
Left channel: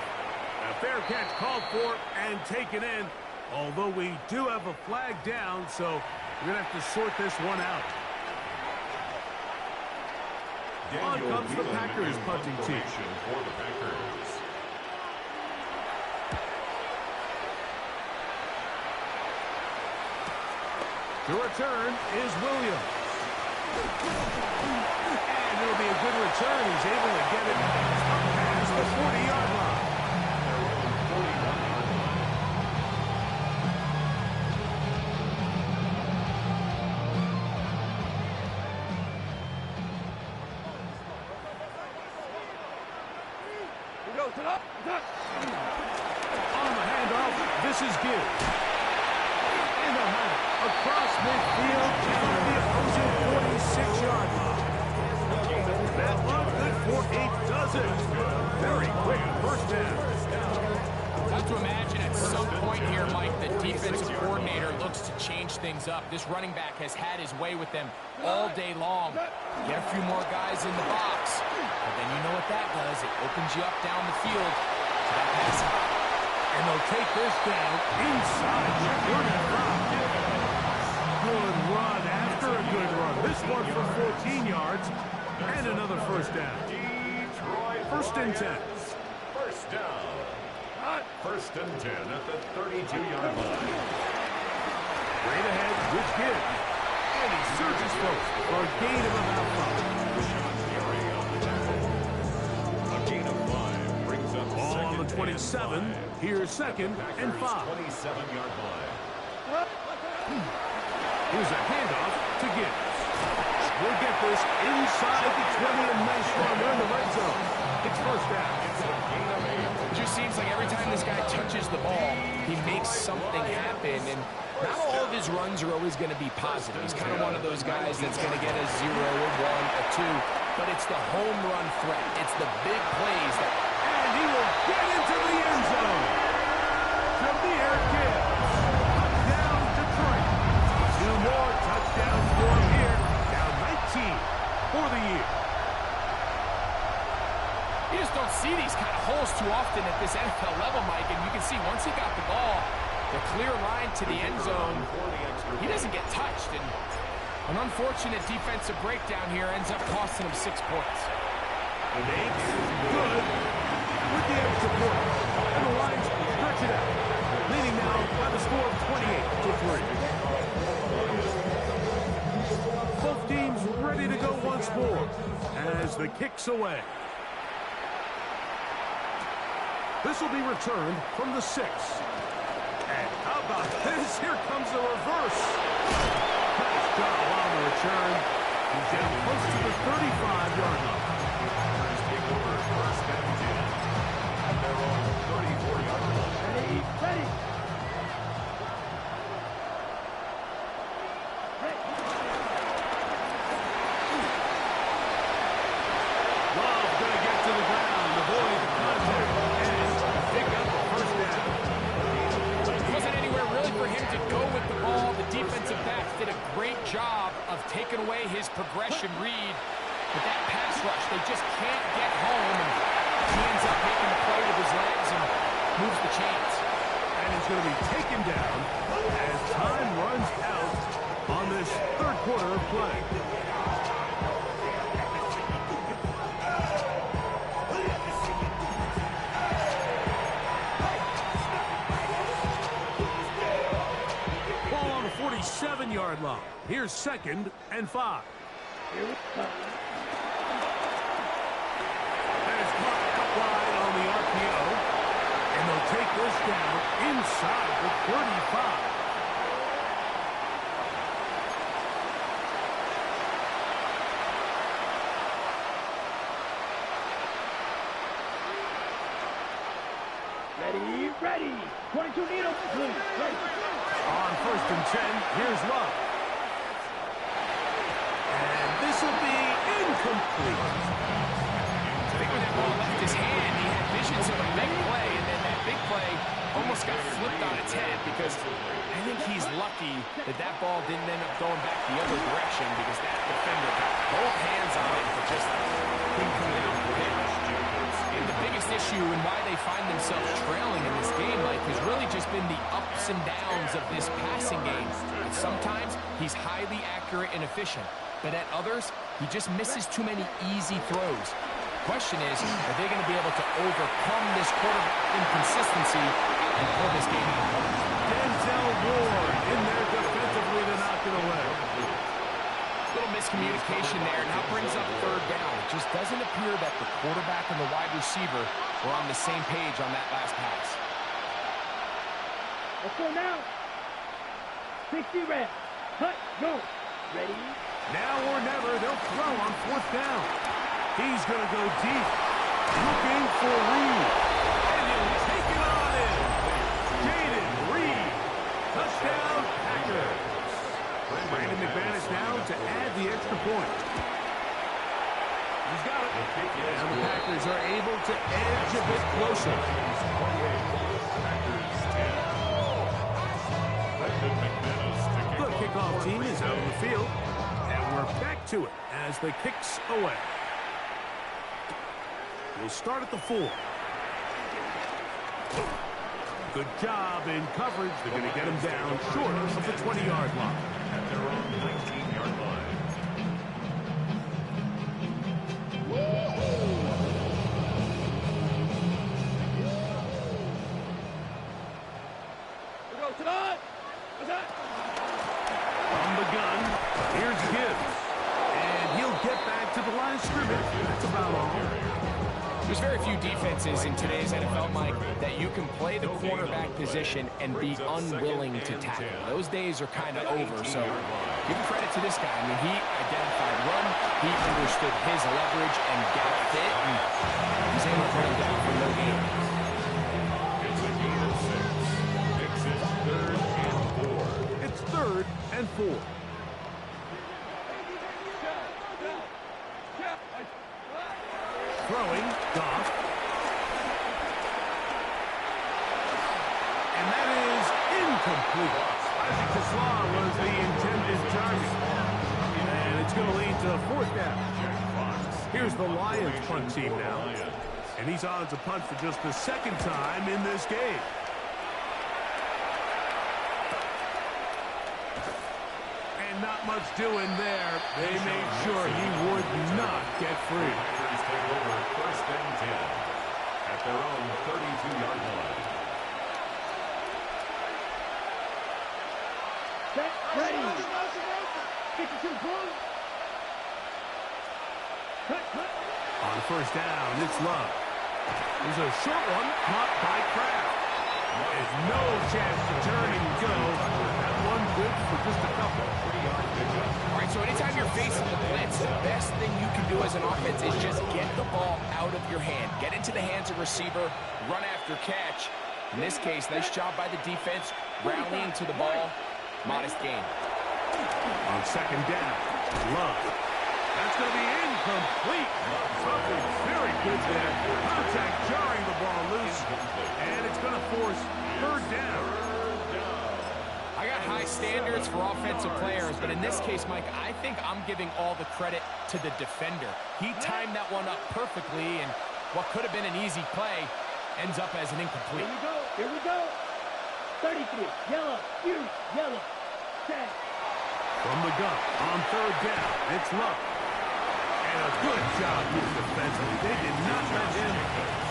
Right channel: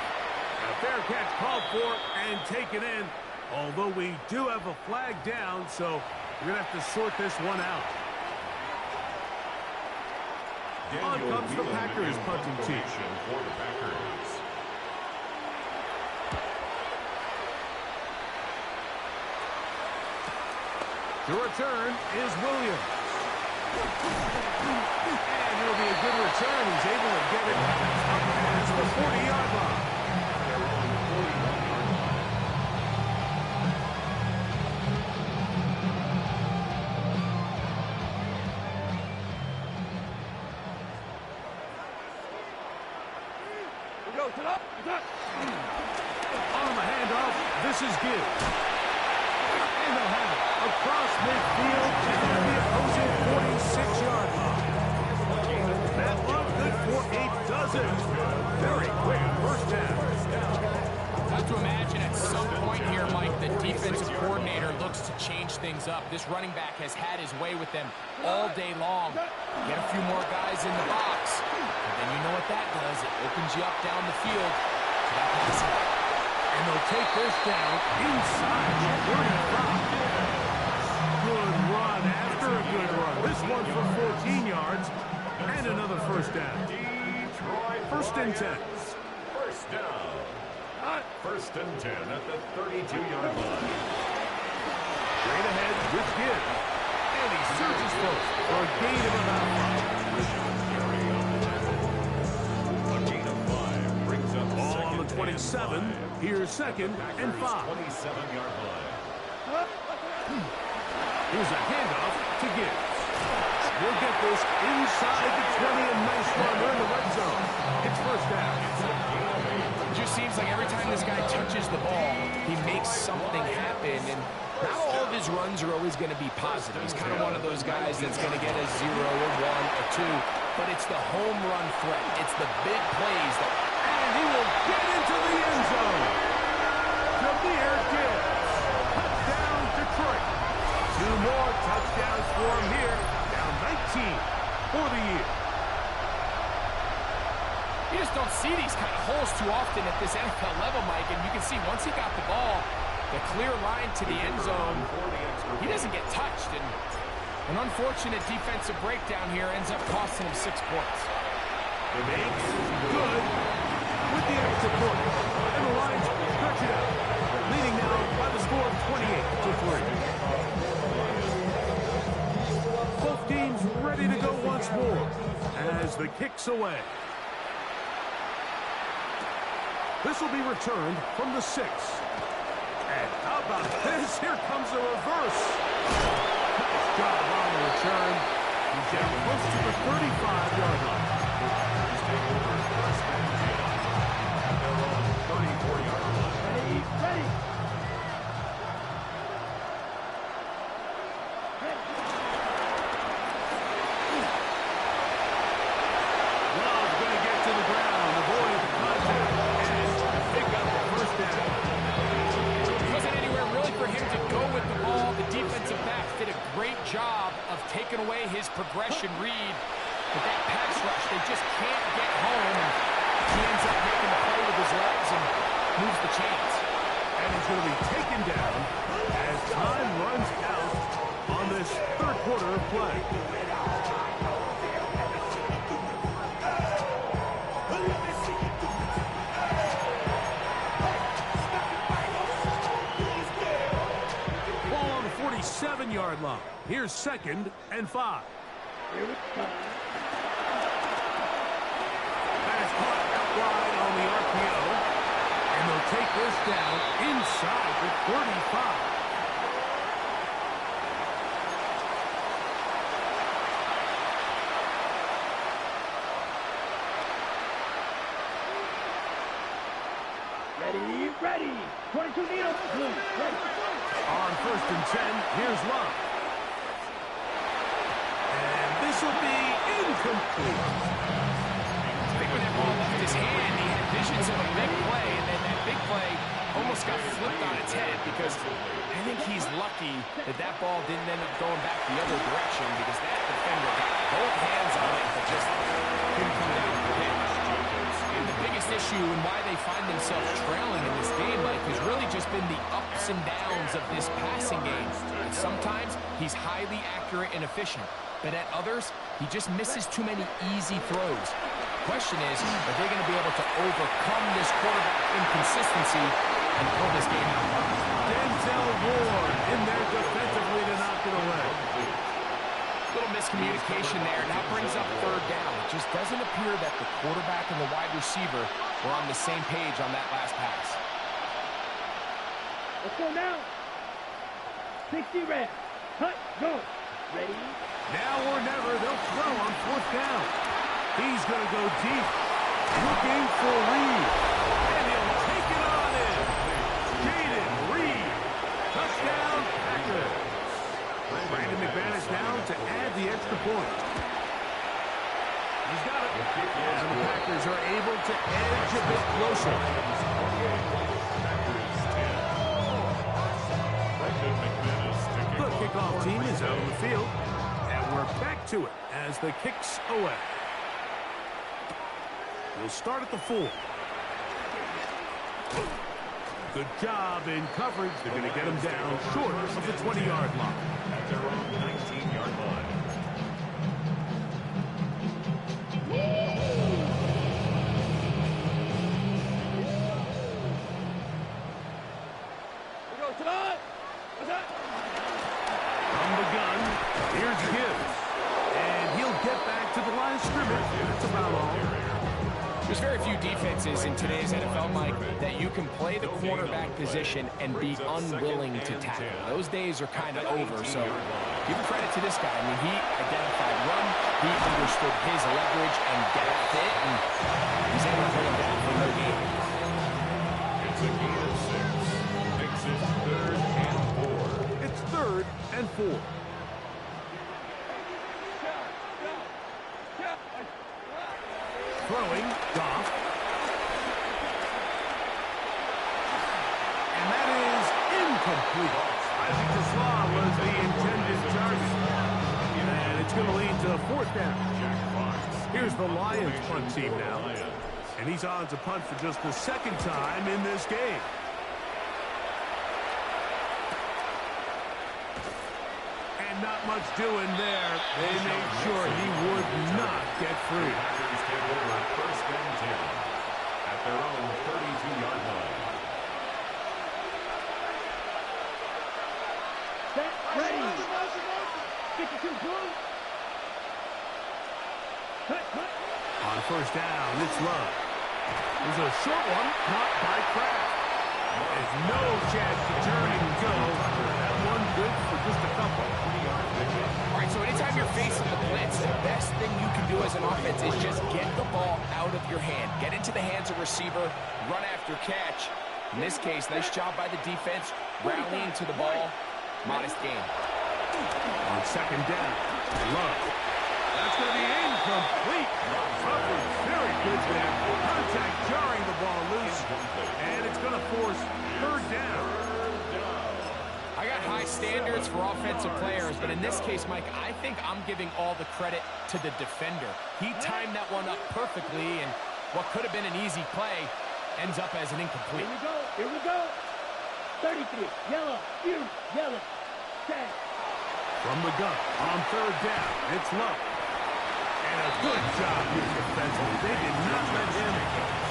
A fair catch called for and taken in, although we do have a flag down, so we're going to have to sort this one out. On comes the Packers punting team. For the Packers. To return is Williams. And it'll be a good return. He's able to get it up past the 40-yard line. At their own 41-yard line. On the handoff, this is Gibbs. And they'll have it across midfield down the opposing 46-yard line. That one good for a dozen. Very quick first down. Have to imagine at some point here, Mike, the defensive coordinator looks to change things up. This running back has had his way with them all day long. Get a few more guys in the box, but then you know what that does. It opens you up down the field to that passing. And they'll take this down inside the 35. Good run after a good run. This one for 14 yards and another first down. First and 10. First down. First and 10 at the 32-yard line. Straight ahead with Gibbs. And he surges forward for a gain of about 5. Rashawn Gary on the tackle. A gain of 5 brings up Ball on the second 27. and 5. Here's second and 5. 27-yard line. Here's a handoff to Gibbs. We'll get this inside the 20, and nice run. They're in the red zone. It's first down. It just seems like every time this guy touches the ball, he makes something happen. And not all of his runs are always going to be positive. He's kind of one of those guys that's going to get a 0, a 1, a 2. But it's the home run threat. It's the big plays that... And he will get into the end zone. Jahmyr Gibbs. Touchdown, Detroit. 2 more touchdowns for him here. Down 19 for the year. You just don't see these kind of holes too often at this NFL level, Mike. And you can see once he got the ball, the clear line to the end zone, he doesn't get touched. And an unfortunate defensive breakdown here ends up costing him 6 points. The makes good with the extra point. And the Lions stretch it out. Leading now by the score of 28-3. Both teams ready to go once more as the kick's away. This will be returned from the 6. And how about this? Here comes the reverse. Nice job on the return. He's down close to the 35-yard line. Packers take over first and 10 at their own 34-yard line. Ready, ready. Love going to get to the ground, avoid the contact, and pick up the first down. There wasn't anywhere really for him to go with the ball. The defensive backs did a great job of taking away his progression read. But that pass rush, they just can't get home. And he ends up making the play with his legs and moves the chains. And he's going to be taken down as time runs out on this third quarter of play. Ball on the 47-yard line. Here's second and 5. Here we go. That is caught out wide on the RPO. And they'll take this down inside the 35. Ready, ready. 22 needle. Blue, ready. On 1st and 10, here's Love. And this will be incomplete. I think when that ball left his hand, he had visions of a big play, and then that big play almost got flipped on its head because I think he's lucky that that ball didn't end up going back the other direction because that defender got both hands on it but just couldn't come down with it. And the biggest issue and why they find themselves trailing in this game, Mike, has really just been the ups and downs of this passing game. And sometimes he's highly accurate and efficient, but at others, he just misses too many easy throws. The question is, are they going to be able to overcome this quarterback inconsistency and pull this game out? Denzel Ward in there defensively to knock it away. Little miscommunication there. Now brings up 3rd down. It just doesn't appear that the quarterback and the wide receiver were on the same page on that last pass. Let's go now. 60 reps. Cut, go. Ready? Now or never, they'll throw on 4th down. He's going to go deep, looking for Reed. And he'll take it on in. Jaden Reed. Touchdown, Packers. Brandon McManus now to add the extra point. He's got it. And the Packers are able to edge a bit closer. The kickoff team is out on the field. And we're back to it as the kick's away. He'll start at the 4. Good job in coverage. They're going to get him down short of the 20-yard line. At their own 19-yard line. We go tonight. What's that? From the gun, here's Gibbs. And he'll get back to the line of scrimmage. That's about all. There's very few defenses in today's NFL, Mike, that you can play the cornerback position and be unwilling to tackle. Those days are kind of over, so give credit to this guy. I mean, he identified run, he understood his leverage and gap fit, and he's able to bring him down for no gain. It's a gain of 6. Makes it 3rd and 4. It's 3rd and 4. Throwing, Goff. And that is incomplete. Isaac Tesla was the intended target. And it's going to lead to 4th down. Here's the Lions punt team now. And he's on to punt for just the 2nd time in this game. And not much doing there. They made sure he would not get free. Packers take over 1st and 10 at their own 32-yard line. Set, ready. 52 blue. Cut, cut. On 1st down, it's Love. There's a short one caught by Kraft. There's no chance to turn and go. That one good for just a couple. 3-yard pickup. All right, so anytime you're facing the blitz, the best thing you can do as an offense is just get the ball out of your hand. Get into the hands of receiver, run after catch. In this case, nice job by the defense, rallying to the ball. Modest gain. On 2nd down, Love. That's going to be incomplete. Coverage very good there. Contact jarring the ball loose. And it's going to force 3rd down. I got high standards for offensive players, but in this case, Mike, I think I'm giving all the credit to the defender. He timed that one up perfectly, and what could have been an easy play ends up as an incomplete. Here we go. Here we go. 33. Yellow. Huge. Yellow. Tag. From the gun, on 3rd down, it's Love. And a good job here defensively. They did not let him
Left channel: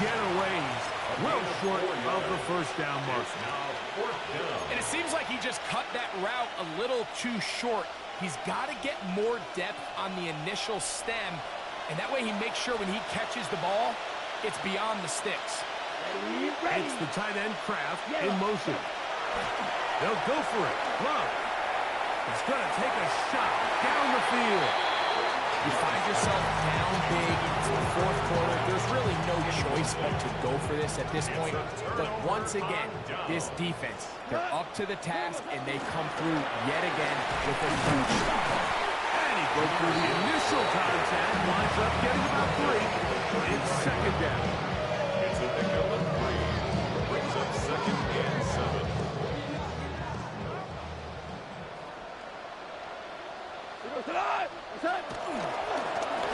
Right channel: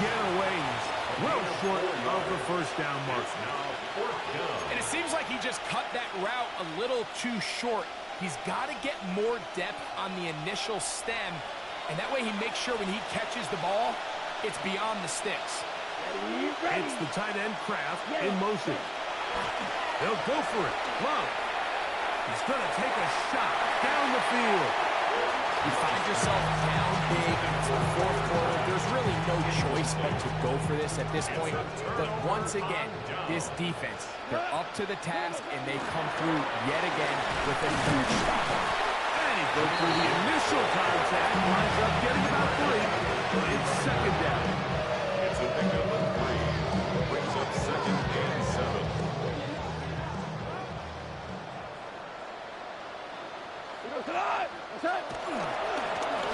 get away. He's well short of the 1st down mark. Now 4th down. And it seems like he just cut that route a little too short. He's got to get more depth on the initial stem, and that way he makes sure when he catches the ball, it's beyond the sticks. Ready, ready. It's the tight end Kraft in motion. They'll go for it. Love. He's going to take a shot down the field. You find yourself down big. It's the 4th quarter. There's really no choice but to go for this at this point. But once again, this defense, they're up to the task, and they come through yet again with a huge stop. And he broke through the initial contact, winds up getting about 3. It's second down. It's a pickup of 3. Brings up second and 7.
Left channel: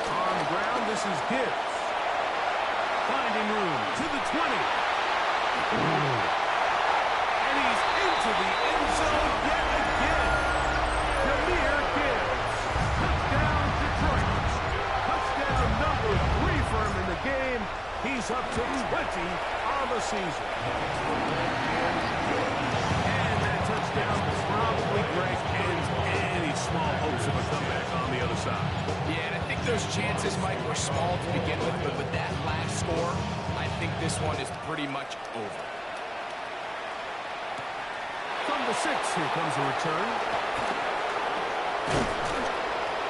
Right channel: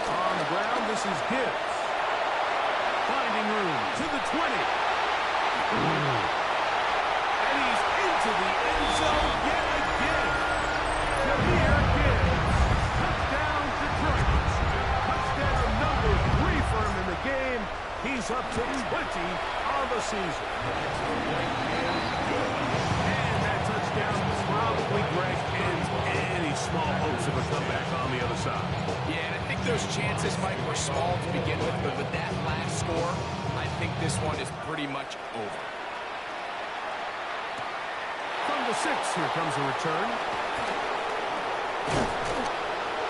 On the ground, this is Gibbs. Finding room to the 20. And he's into the end zone yet again. Jahmyr Gibbs. Touchdown, Detroit. Touchdown number 3 for him in the game. He's up to 20 on the season. And that touchdown probably, Greg, ends any small hopes of a comeback on the other side. Yeah, and I think those chances, Mike, were small to begin with, but with that last score, I think this one is pretty much over. From the 6, here comes a return.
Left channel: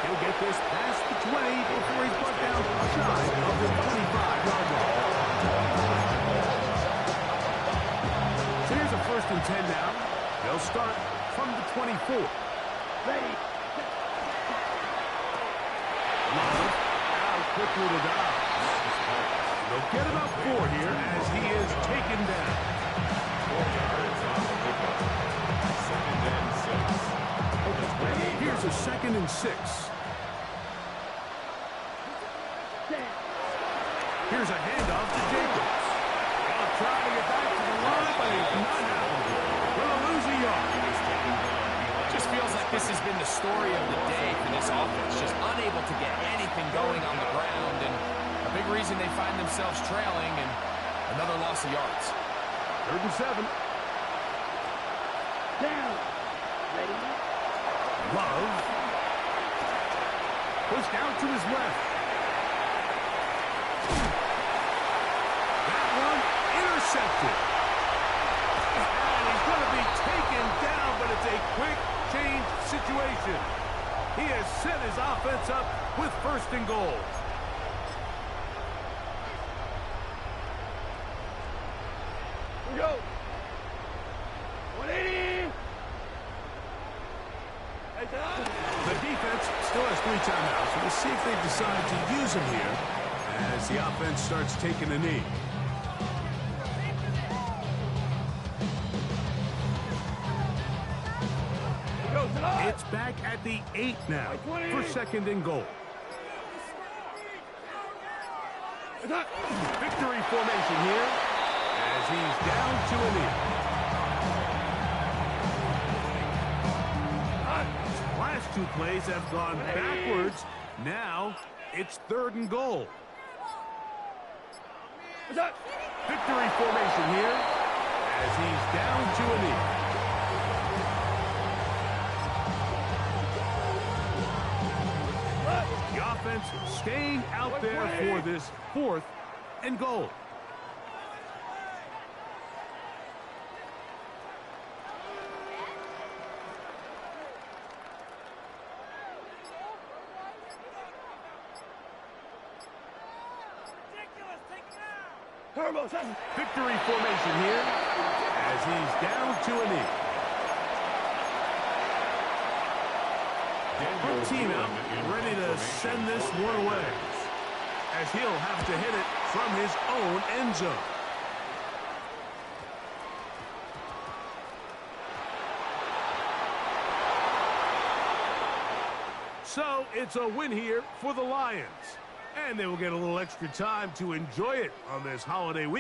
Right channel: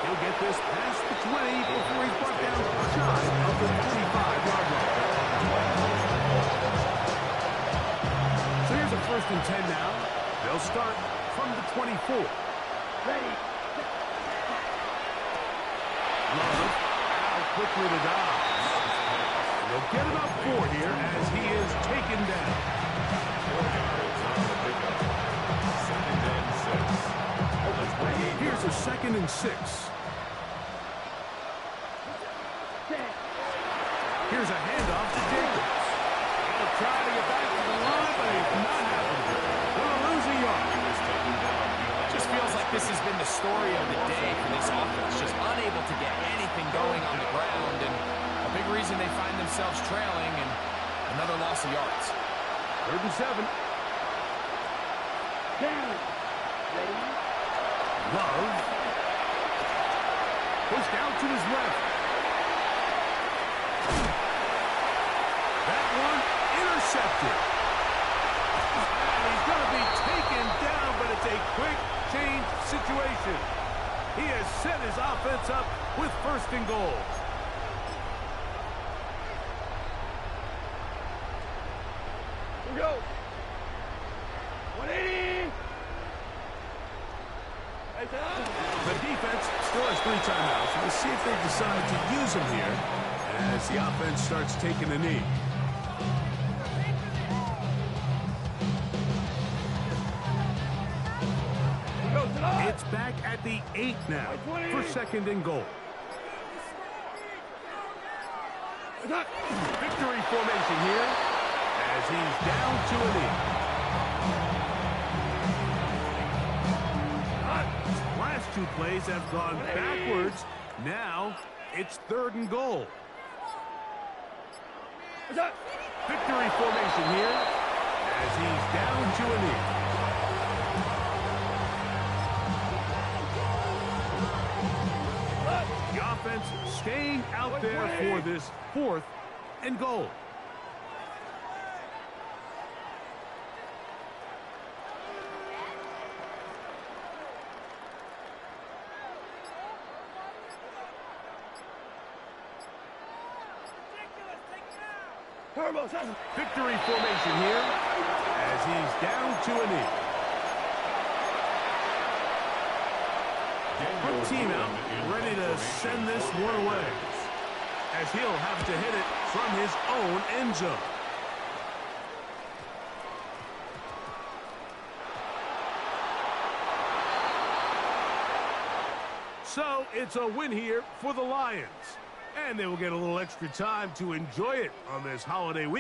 He'll get this past the 20 before he's brought down shy of the 25-yard line. So here's a 1st and 10 now. They'll start from the 24. Ready. Love out quickly to Dobbs. They'll get about 4 here as he is taken down. 4 yards on the pickup. Second and 6. Here's a 2nd and 6. Here's a handoff to Jacobs. He'll try to get back to the line, but it's not happening. Gonna lose a yard. He was taken down. Just feels like this has been the story of the day for this offense. Just unable to get anything going on the ground, and a big reason they find themselves trailing, and another loss of yards. 3rd and 7. Down. Ready. Love. Pushed out to his left. That one intercepted. And he's going to be taken down, but it's a quick change situation. He has set his offense up with 1st and goal. Here we go. 180. The defense still has 3 timeouts. We'll see if they decide to use them here as the offense starts taking a knee. It's back at the 8 now for 2nd and goal. Victory formation here as he's down to a knee. Last 2 plays have gone backwards. Now it's 3rd and goal. Victory formation here as he's down to a knee. The offense staying out there for this 4th and goal. Victory formation here as he's down to a knee. Front team out, ready to send this one away, as he'll have to hit it from his own end zone. So it's a win here for the Lions, and they will get a little extra time to enjoy it on this holiday week.